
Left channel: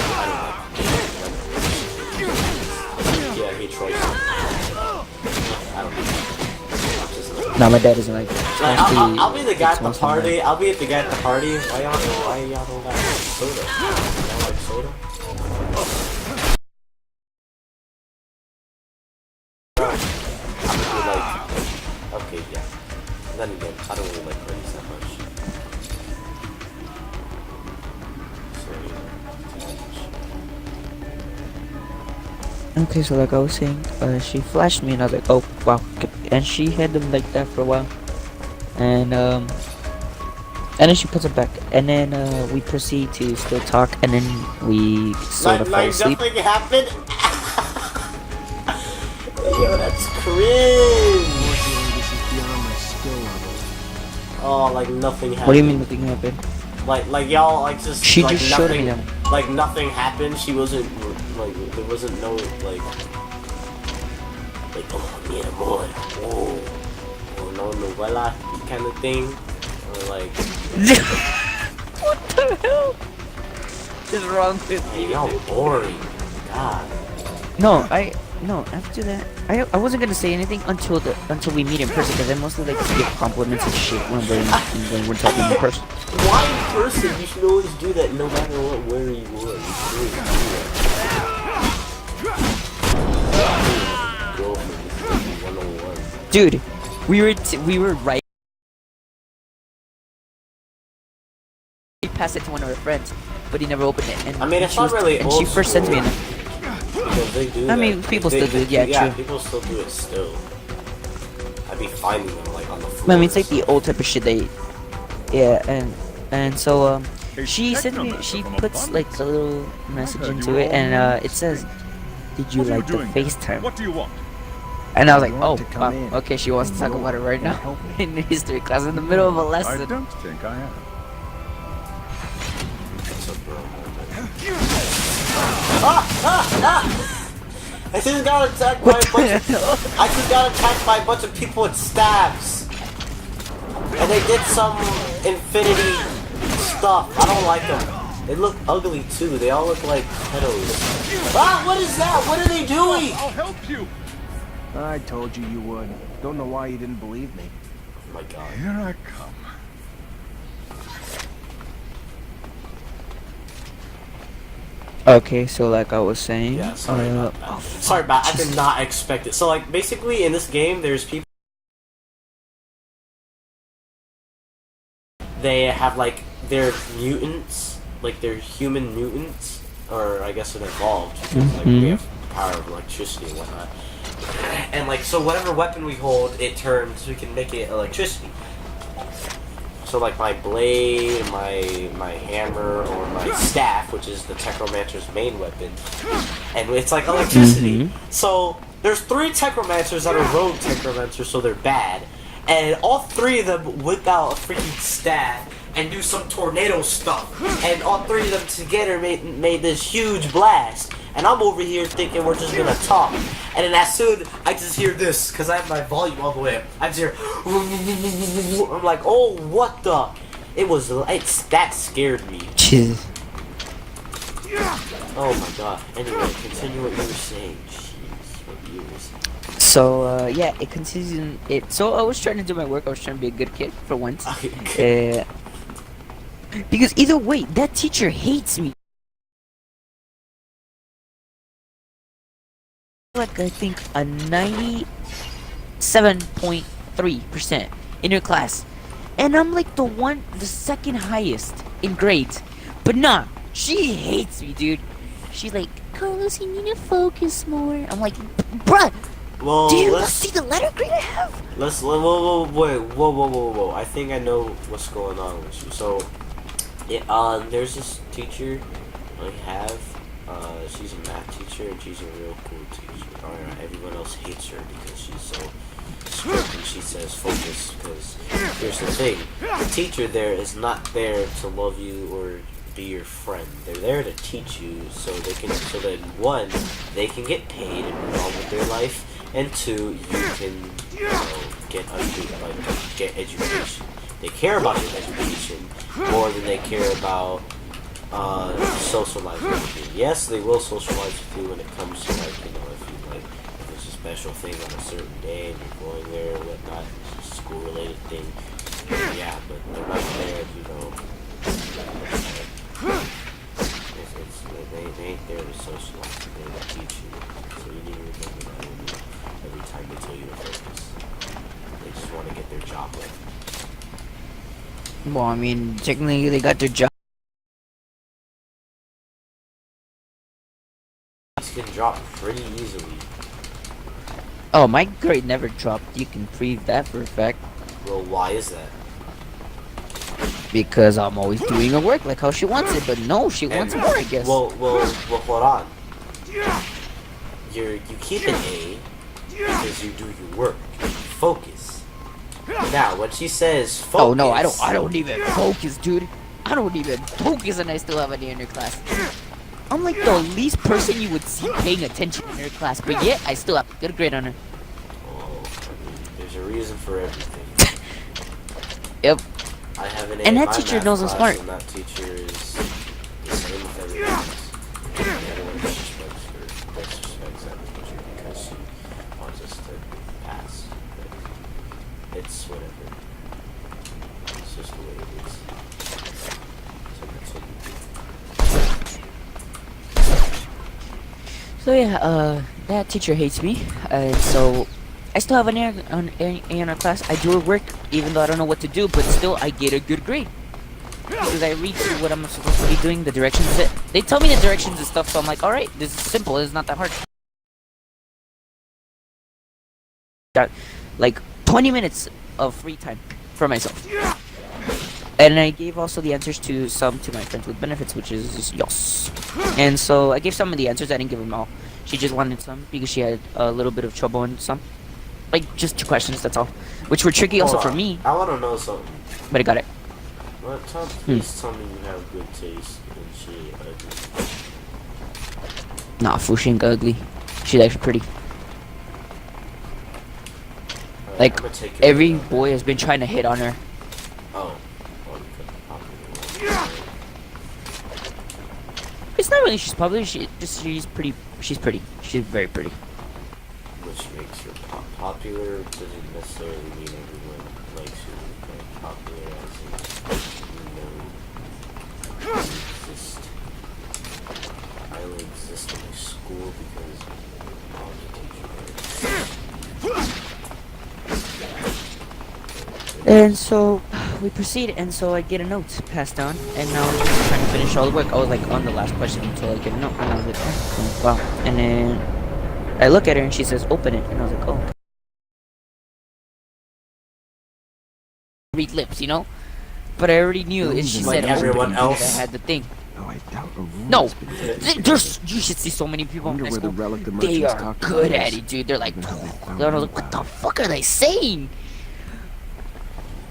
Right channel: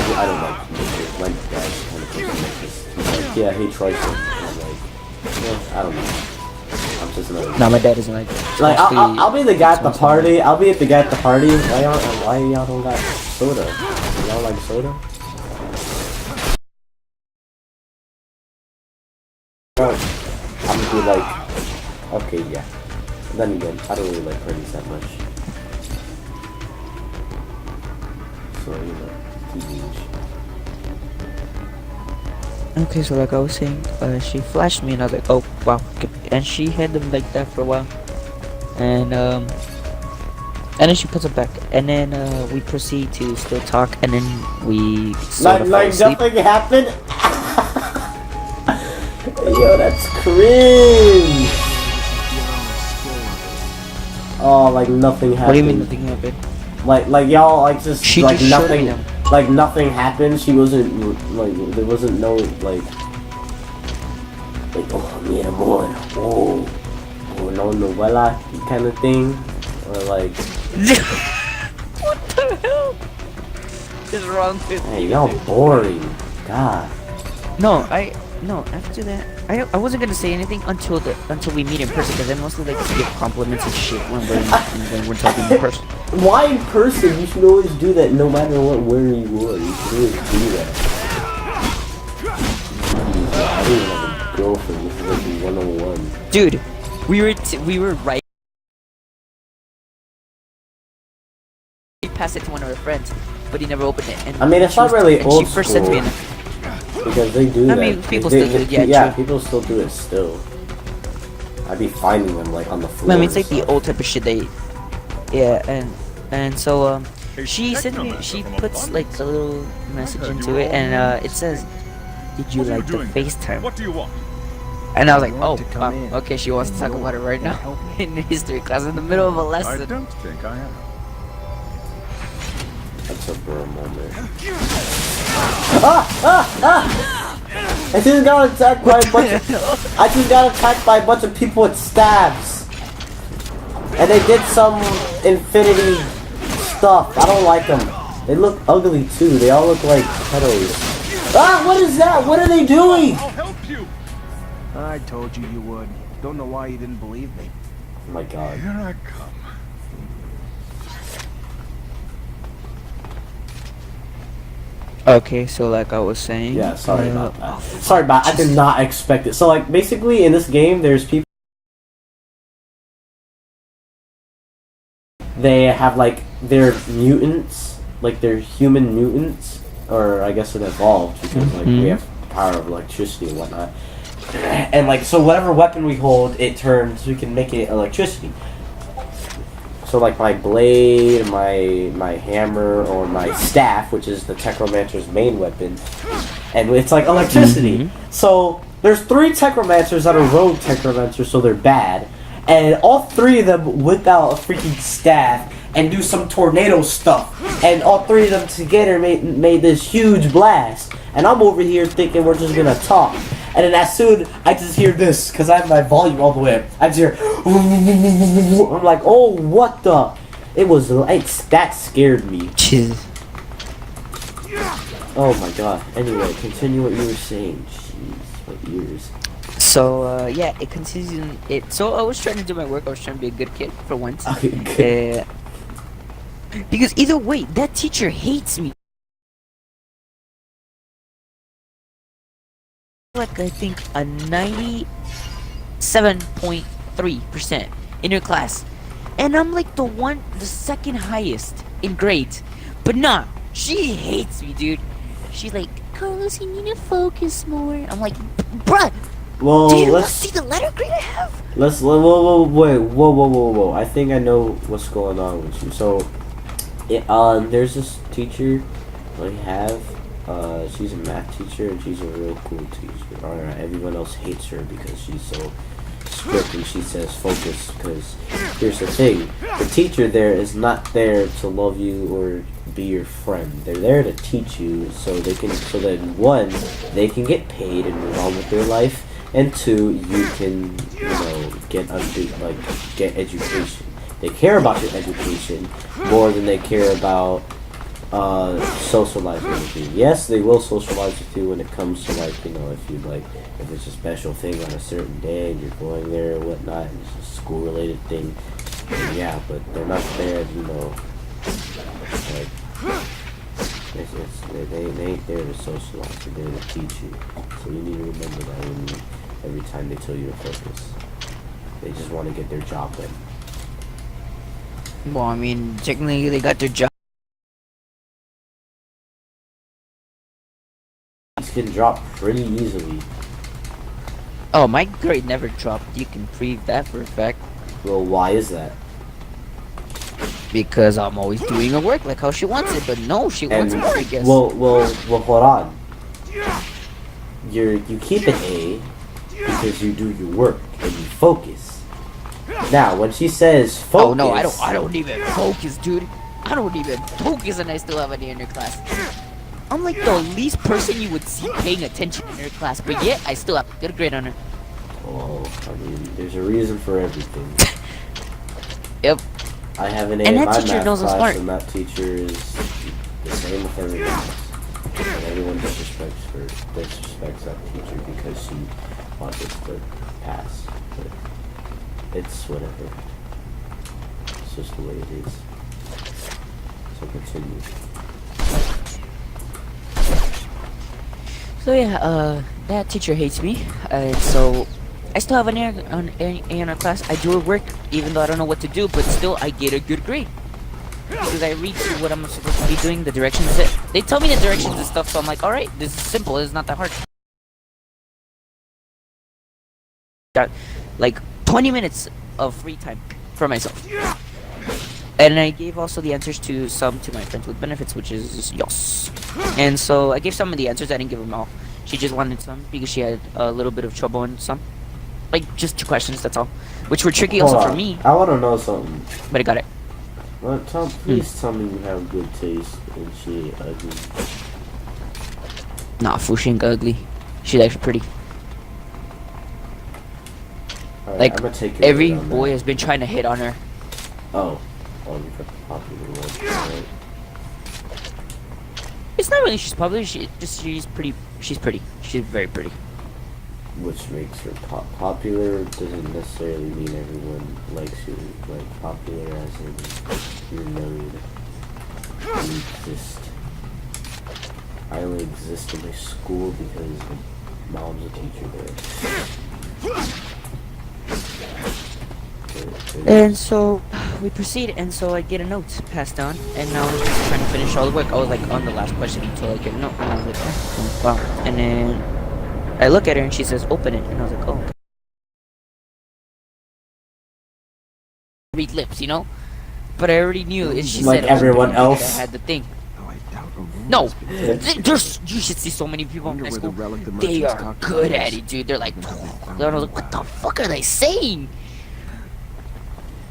like. Yeah, he tries. I don't know. Just another. No, my dad doesn't like it. Like, Especially I'll be the guy at the once in a while. party. I'll be the guy at the party. Why y'all don't got soda? Y'all like soda? Bro, I'm be like, okay, yeah. Then again, I don't really like parties that much. So, you know, TBH. Okay, so like I was saying, she flashed me and I was like, oh wow, and she had them like that for a while, and then she puts it back, and then we proceed to still talk, and then we sort of fall asleep. Nothing happened. Yo, that's cringe. Unfortunately, this is beyond my skill level. Oh, like nothing happened. What do you mean nothing happened? Like y'all like just She like just showed me nothing, them. like nothing happened. She wasn't like there wasn't no like oh yeah boy oh no novela kind of thing or like What the hell is wrong with hey, you? y'all boring. God. No, after that, I wasn't gonna say anything until we meet in person, because I mostly like to give compliments and shit when we're talking in person. Why in person? You should always do that no matter what where you are. You should always do that. Girlfriend, this is like 101. Dude, we were right. He passed it to one of our friends, but he never opened it. And I mean, it's she not was- really and old she first said to me, school. Because they do I mean, that. people still do it, yeah, yeah, true. people still do it still. I'd be finding them like on the floor. I mean, it's like the old type of shit they, yeah, and so she sent me, she puts like a little message into it, and it says, "Did you like the FaceTime?" What do you want? And I was like, I "Oh, want to come wow, in okay, she wants to talk and about it right and now help me. in history class in the middle of a I lesson." don't think I am. That's a bro moment. I just got attacked by a bunch of, I just got attacked by a bunch of people with stabs. And they did some infinity stuff. I don't like them. They look ugly too. They all look like pedos. Ah, what is that? What are they doing? I'll help you. I told you would. Don't know why you didn't believe me. Oh my god. Here I come. Okay, so like I was saying, Yeah, sorry about that. Sorry about I did not expect it. So like basically in this game there's people they have like they're mutants, like they're human mutants, or I guess it evolved because like we have the power of electricity and whatnot. And like so whatever weapon we hold it turns, we can make it electricity. So like my blade, my hammer, or my staff, which is the Technomancer's main weapon, and it's like electricity. So there's 3 Technomancers that are rogue Technomancers, so they're bad, and all 3 of them whip out a freaking staff and do some tornado stuff, and all 3 of them together made this huge blast. And I'm over here thinking we're just gonna talk, and then as soon I just hear this because I have my volume all the way up. I just hear, I'm like, oh, what the? That scared me. Jesus. Oh my god. Anyway, continue what you were saying. Jeez, what years? So yeah, it continues in it. So I was trying to do my work. I was trying to be a good kid for once. Because either way, that teacher hates me. Like I think a 97.3% in her class, and I'm like the second highest in grades. But nah, she hates me, dude. She's like, Carlos, you need to focus more. I'm like, bruh, Well, do you not let's see the letter grade I have? whoa. I think I know what's going on with you. So, there's this teacher I have. She's a math teacher and she's a real cool teacher. Alright, everyone else hates her because she's so strict and she says focus. Because here's the thing: the teacher there is not there to love you or be your friend. They're there to teach you so that 1, they can get paid and move on with their life, and 2, you can get education. They care about your education more than they care about socialize with you. Yes, they will socialize with you when it comes to like, you know, if it's a special thing on a certain day and you're going there or whatnot, and it's a school related thing. Yeah, but they're not there, you know. Like, they ain't there to socialize. They're there to teach you. So you need to remember that every time they tell you to focus. They just want to get their job done. Well, I mean, technically they got their job. These can drop pretty easily. Oh, my grade never dropped. You can prove that for a fact. Well, why is that? Because I'm always doing her work like how she wants it, but no, she wants more, I guess. Well, hold on. You keep an A because you do your work and you focus. Now, when she says focus... Oh no, I don't even focus, dude. I don't even focus and I still have an A in her class. I'm like the least person you would see paying attention in her class, but yet I still have a good grade on her. Oh, I mean, there's a reason for everything. Yep. I have an A and in that my teacher math knows I'm class, smart. and that teacher is the same with everyone else. And everyone disrespects that teacher because she wants us to pass. But it's whatever. It's just the way it is. So continue. So yeah, that teacher hates me, so I still have an A in our class. I do her work, even though I don't know what to do, but still I get a good grade. Because I read through what I'm supposed to be doing, the directions. They tell me the directions and stuff, so I'm like, alright, this is simple, it's not that hard. Got like 20 minutes of free time for myself. And I gave also the answers to my friends with benefits, which is Yos. And so I gave some of the answers, I didn't give them all. She just wanted some because she had a little bit of trouble in some. Like, just 2 questions, that's all. Which were tricky also for me. I want to know something. But I got it. Well, please tell me you have good taste and she ain't ugly. Nah, fool, she ain't ugly. She's actually pretty. Right, like, every boy has been trying to hit on her. Oh. Oh, you got the popular one. It's not really she's popular, she's pretty. She's pretty. She's very pretty. Which makes her popular doesn't necessarily mean everyone likes you. Like, popular as in you're known. You exist. I only exist in this school because mom's a teacher there. And so we proceed, and so I get a note passed down, and now I'm just trying to finish all the work. I was like on the last question until I get a note, and I was like, oh, wow. And then I look at her, and she says, open it, and I was like, oh. Read lips, you know? But I already knew if she like said everyone open, else. I had the thing. Oh, I doubt Aurora No, has been taken. there's you should see so many people in Wonder high where the school. relic the They merchants are talked good about at is. it, dude. They're like, Wonder how they found I was out like, what about the it. fuck are they saying?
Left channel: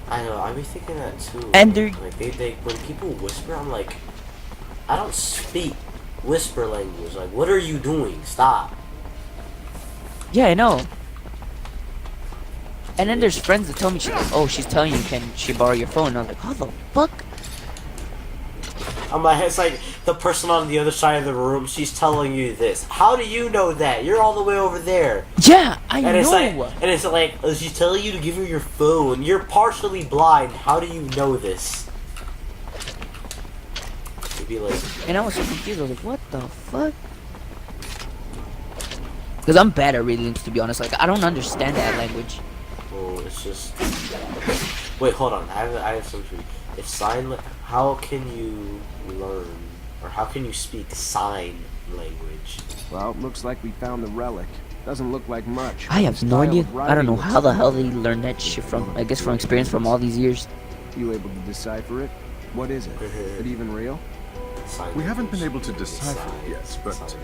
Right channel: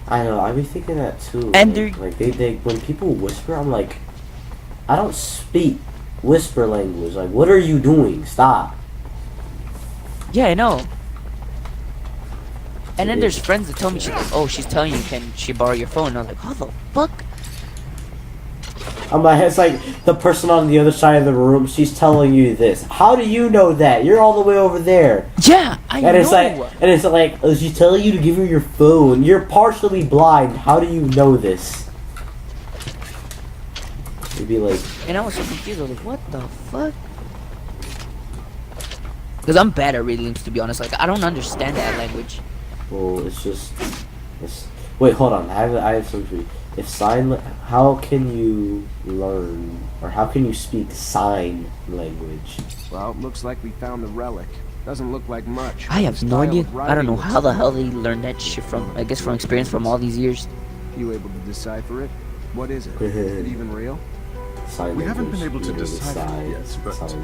I know, I be thinking that too. And like they when people whisper, I'm like, I don't speak whisper language. Like, what are you doing? Stop. Yeah, I know. And then there's friends that tell me, she's like, oh, she's telling you, can she borrow your phone? And I was like, how the fuck? I'm like, it's like the person on the other side of the room. She's telling you this. How do you know that? You're all the way over there. Yeah, I know. And it's like, oh, she's telling you to give her your phone. You're partially blind. How do you know this? You'd be like, And I was so confused. I was like, what the fuck? Because I'm bad at reading lips, to be honest. Like, I don't understand that language. well, it's just. Wait, hold on. I have something for you. If how can you learn, or how can you speak sign language? Well, looks like we found the relic. Doesn't look like much. I have no Style idea. of I don't know writing how the looks hell like they learned that shit from. I guess from experience from all these years. You able to decipher it? What is it? Is it even real? Sign We haven't been able language, to you know, decipher it yet, but signs.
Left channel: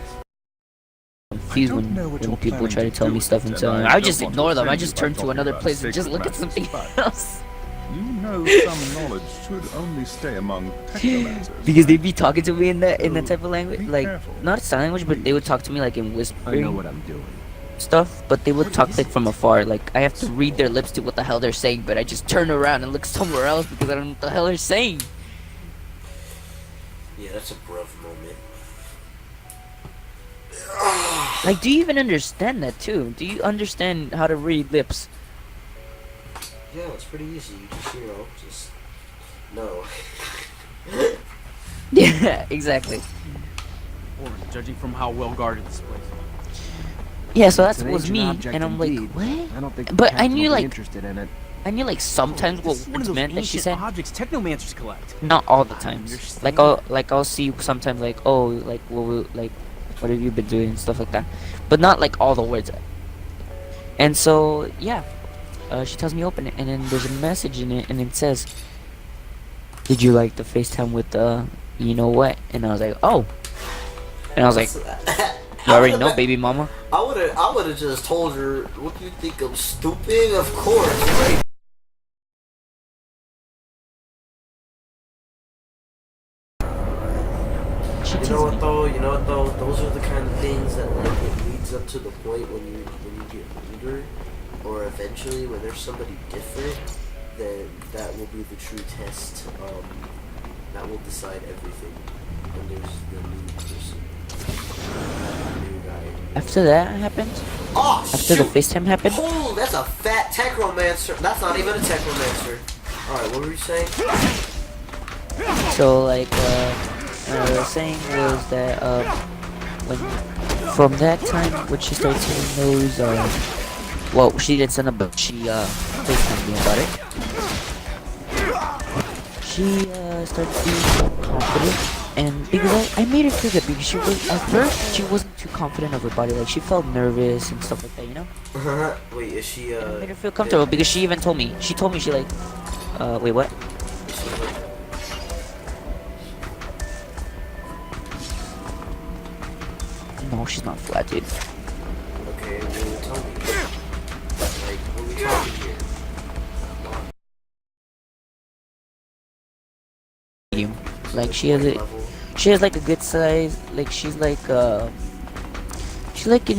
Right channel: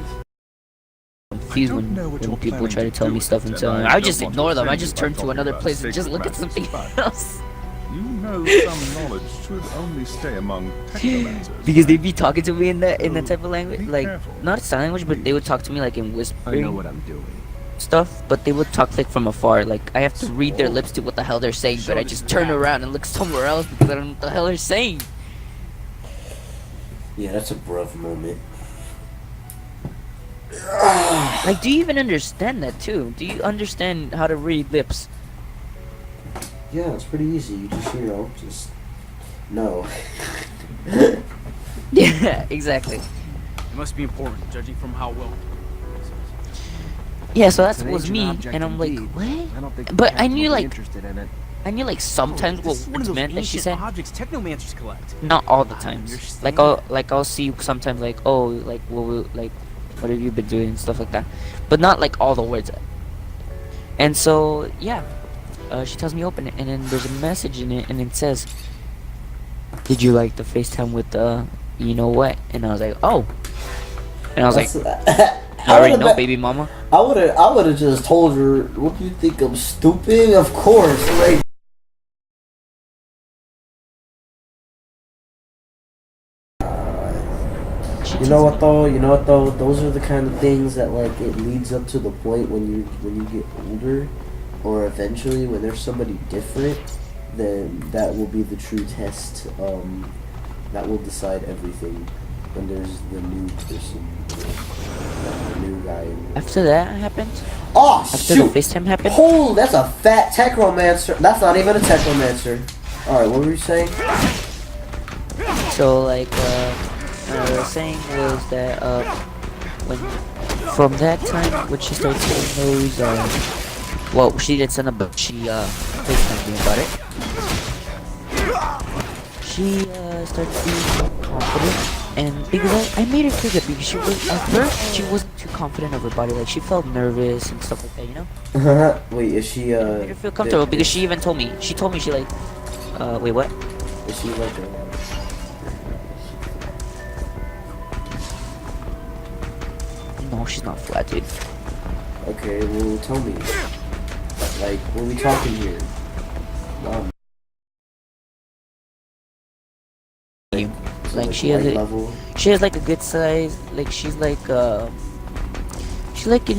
Confused when people try to tell me stuff and so I just ignore them. I just turn to another place and just look at something else. You know some knowledge should only stay among technomancers. Because they'd be talking to me in that type of language, be like careful. not sign language, but they would talk to me like in I know whispering what I'm doing. stuff. But they would talk like from afar. Like I have to read their lips to what the hell they're saying, but I just turn around and look somewhere else because I don't know what the hell they're saying. Yeah, that's a bruv moment. Like, do you even understand that too? Do you understand how to read lips? Yeah, it's pretty easy. You just, just no. Yeah, exactly. It must be important, judging from how well guarded this place is. Yeah, so It's that an was ancient me, object and I'm like, indeed. what? I don't think the But I captain knew will be like, interested in it. I knew like sometimes This is one what of it those meant that she ancient said. objects technomancers collect. Not all the I times. understand. I'll see sometimes like, oh, like what have you been doing and stuff like that, but not like all the words. And so yeah, she tells me open it, and then there's a message in it, and it says, "Did you like the FaceTime with you know what?" And I was like, oh, and I was like, you already know, baby mama. I would have just told her, "What do you think? I'm stupid? Of course, right?" You know what though? Those are the kind of things that like it leads up to the point when you get older, or eventually when there's somebody different, then that will be the true test. That will decide everything. When there's the new person, the new guy. After that happened. Oh, after shoot. the FaceTime happened. Oh, that's a fat technomancer. That's not even a technomancer. All right, what were you saying? So like the saying was that when from that time when she started saying those well, she didn't send them, but she FaceTimed me about it. She started being confident, and because I made her feel good, because she was at first she wasn't too confident of her body, like she felt nervous and stuff like that, you know. Wait, is she I made her feel comfortable because she even told me. She told me she like wait, what? Is she like No, she's not flat, dude. Okay, well, tell me. Like, what are we talking here? Like she has like a good size, like she's like in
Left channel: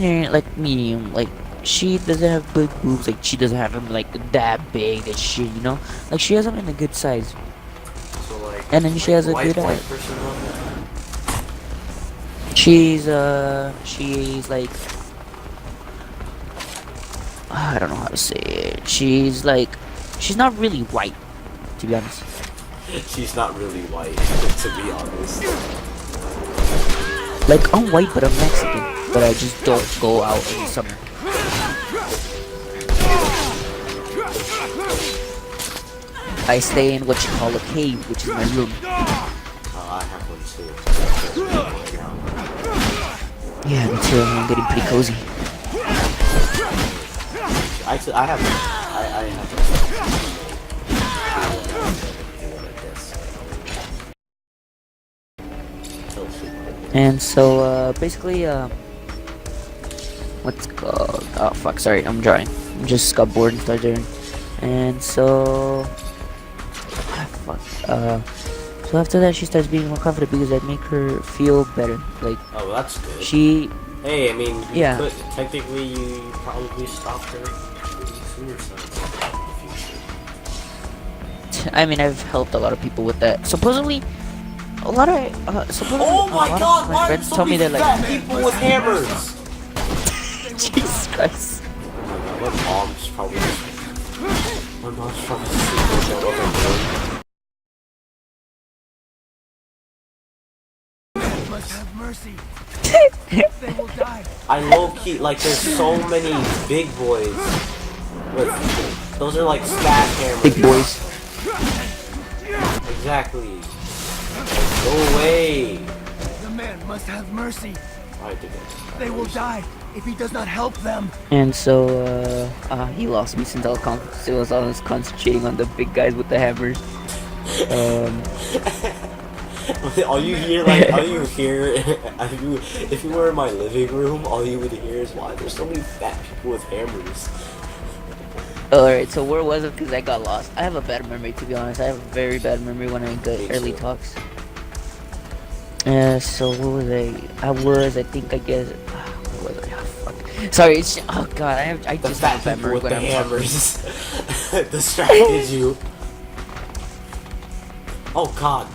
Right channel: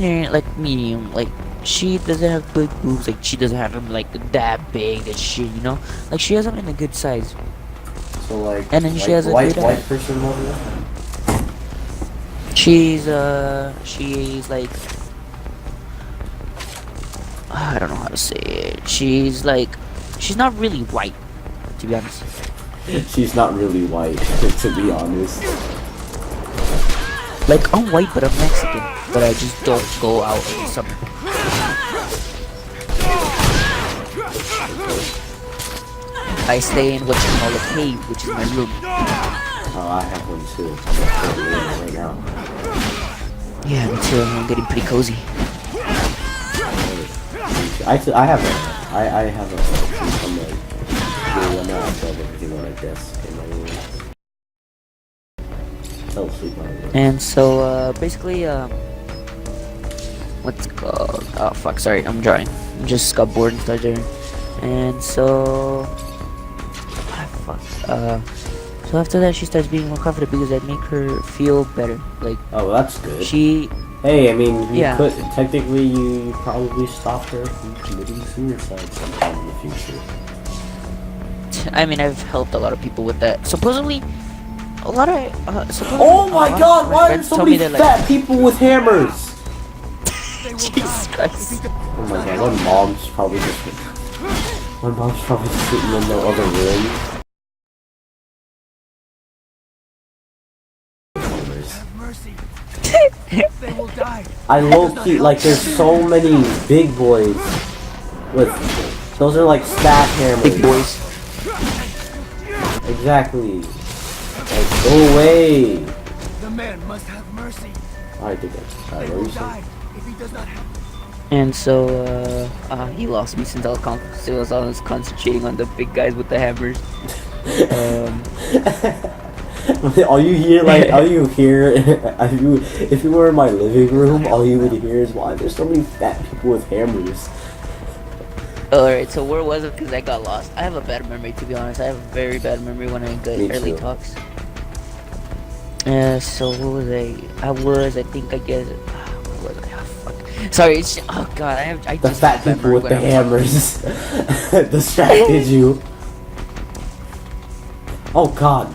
her like medium, like she doesn't have big boobs, like she doesn't have them like that big and shit, you know, like she has them in a good size. So like, and then she has a good white person level? She's like, I don't know how to say it. She's not really white, to be honest. She's not really white, to be honest. Like, I'm white, but I'm Mexican. But I just don't go out in the summer. I stay in what you call a cave, which is my room. Oh, I have one too. Right now. Yeah, me too. I'm getting pretty cozy. I have And so, basically, what's it called? Oh, fuck, sorry, I'm drawing. I just got bored and started drawing. And so, fuck, so after that, she starts being more confident because I make her feel better. Like, oh, well, that's good. Hey, I mean, yeah. Technically, you probably stopped her from committing suicide sometime in the future. I mean, I've helped a lot of people with that. Supposedly, a lot of supposedly, oh my god, my why are friends so told me many that, like, fat people with hammers? Jesus Christ. Oh my god, my mom's probably just sitting in the other room. Have mercy. They will die. I low-key, like, there's so many big boys with, those are like staff hammers. Big boys. Exactly. Like, go away. The man must have mercy. I think They will die if he does not help them. And so, he lost me since I was concentrating on the big guys with the hammers. All you hear, if you were in my living room, all you would hear is, why there's so many fat people with hammers. Alright, so where was it? Because I got lost. I have a bad memory, to be honest. I have a very bad memory when I get early talks. So what was I guess, where was I? Oh, fuck. Sorry, oh god, I just fat have a bad people memory with when the I'm hammers distracted you. Oh god.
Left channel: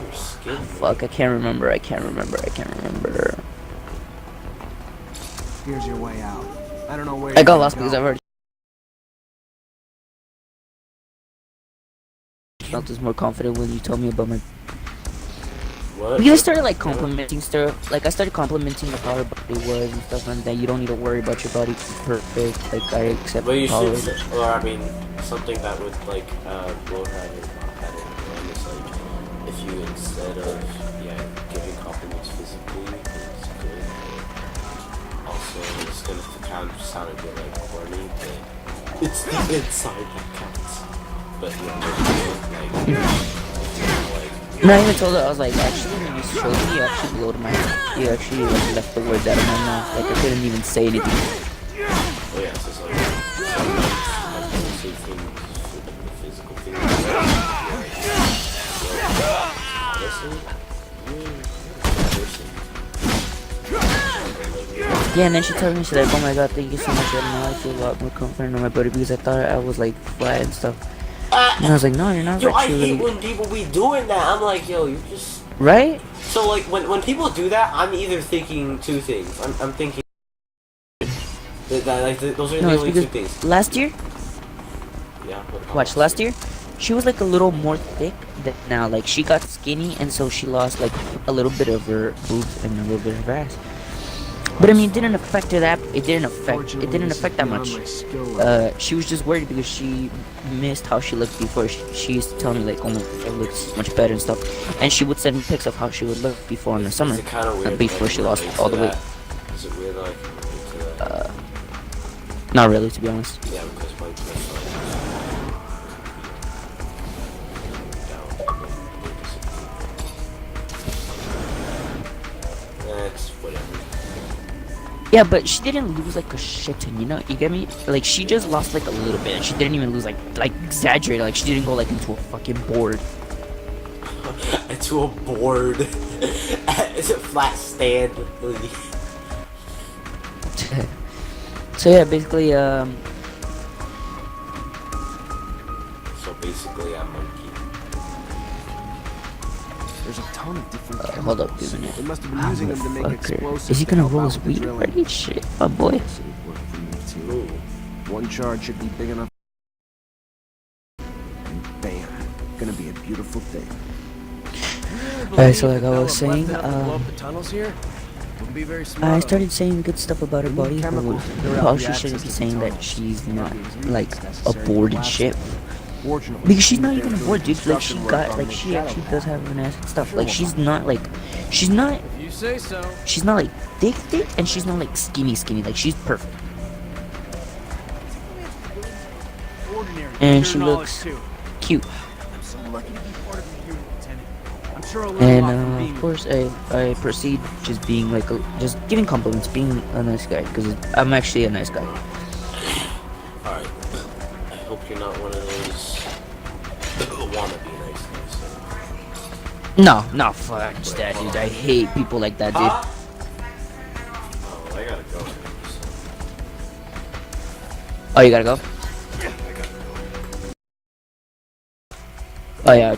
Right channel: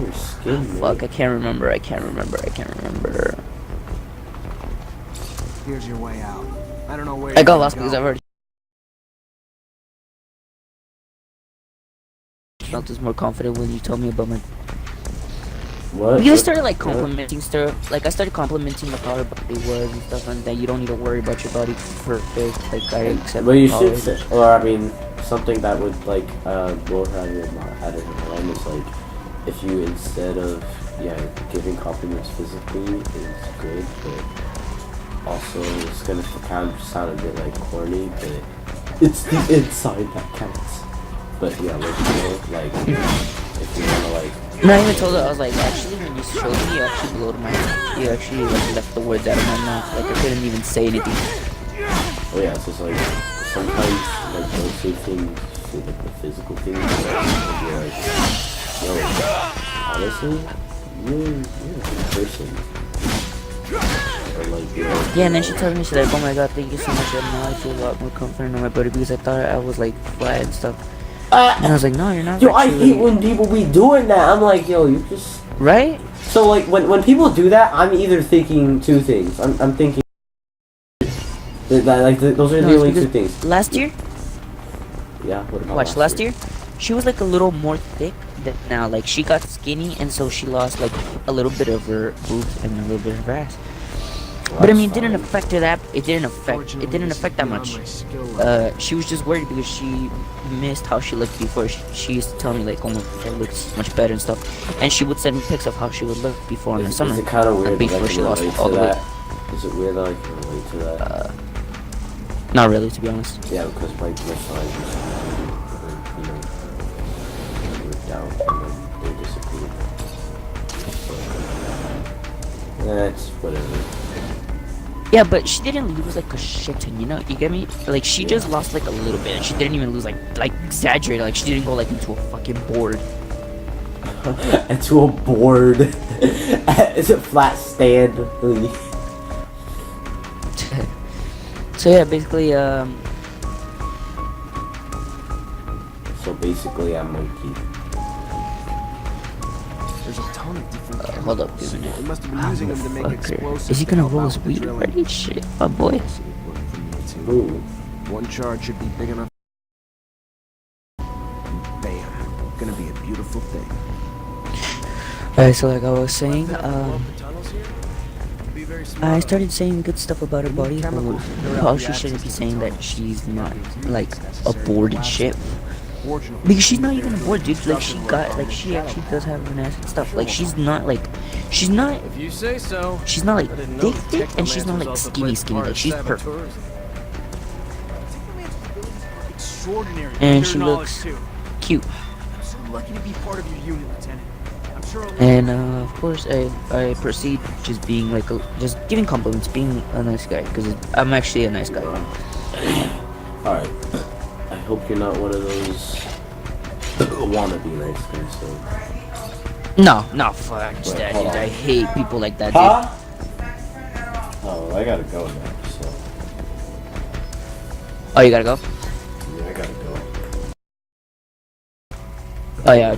Your skin, Fuck, I can't remember. Here's your way out. I don't know where I you're got gonna lost go. because I've already felt this more confident when you told me about my. What? Because I started like complimenting stuff. Like I started complimenting like how her body was and stuff, and that you don't need to worry about your body being perfect. Like I accept. But you tolerate should, it. or I mean, something that would like will have your head in your mind is like, if you instead of giving compliments physically is good, but also it's gonna kind of sound a bit like corny, but it's the inside that counts. But yeah, like if you wanna, like. And I even told her, I was like, actually, when you showed me, you actually blowed my mind. You actually like left the words out of my mouth. Like I couldn't even say anything. Oh yeah, so it's like sometimes like don't say things for like the physical things. Honestly, you're a person. Yeah, and then she told me, she's like, oh my god, thank you so much. And now I feel a lot more confident on my body because I thought I was like flat and stuff. And I was like, no, you're not. Yo, I actually. hate when people be doing that. I'm like, yo, you just. Right? So like when people do that, I'm either thinking two things. I'm thinking those are No, the it's only two because things. last year, Yeah. What about watch, last year, she was like a little more thick than now. Like she got skinny, and so she lost like a little bit of her boobs and a little bit of her ass. But I mean, it didn't affect her that. It didn't affect that much. She was just worried because she missed how she looked before. She used to tell me like, "Oh my, it looks much better and stuff," and she would send me pics of how she would look before in the summer, Is it kind of weird before she lost all the weight. Is it weird that I can relate to that? Not really, to be honest. Yeah, because my friends, down and then they disappear. That's whatever. Yeah, but she didn't lose like a shit ton, you know? You get me? Like she just lost like a little bit, and she didn't even lose like exaggerated. Like she didn't go like into a fucking board. Into a board. It's a flat stand. So yeah, basically, So basically, I'm monkey. There's a ton of different hold up, give chemicals. a minute. They must have been using them to make explosives. Is he to gonna help roll out his with the weed drilling. already? Shit, my boy. Yes, it would work for me too. Ooh. One charge should be big enough. And bam, gonna be a beautiful thing. Alright, so like I was saying, Blow up the tunnels here? Would be very smart. I started saying good stuff about her body, but probably she shouldn't be saying that she's not like a bored and shit. Because she's not even a bored, dude. Like she actually does have an ass and stuff. Like she's not If you say so. she's not like thick, and she's not like skinny. Like she's perfect. And she looks cute. I'm so lucky to be part of your unit, Lieutenant. I'm sure I'll And of course, I proceed just being like just giving compliments, being a nice guy, because I'm actually a nice guy. Alright. I hope you're not one of those wannabe nice guys. So. No, fuck that, dude. I hate people like that, dude. Huh? Oh, well, I gotta go now. So. Oh, you gotta go? I gotta go. Oh yeah.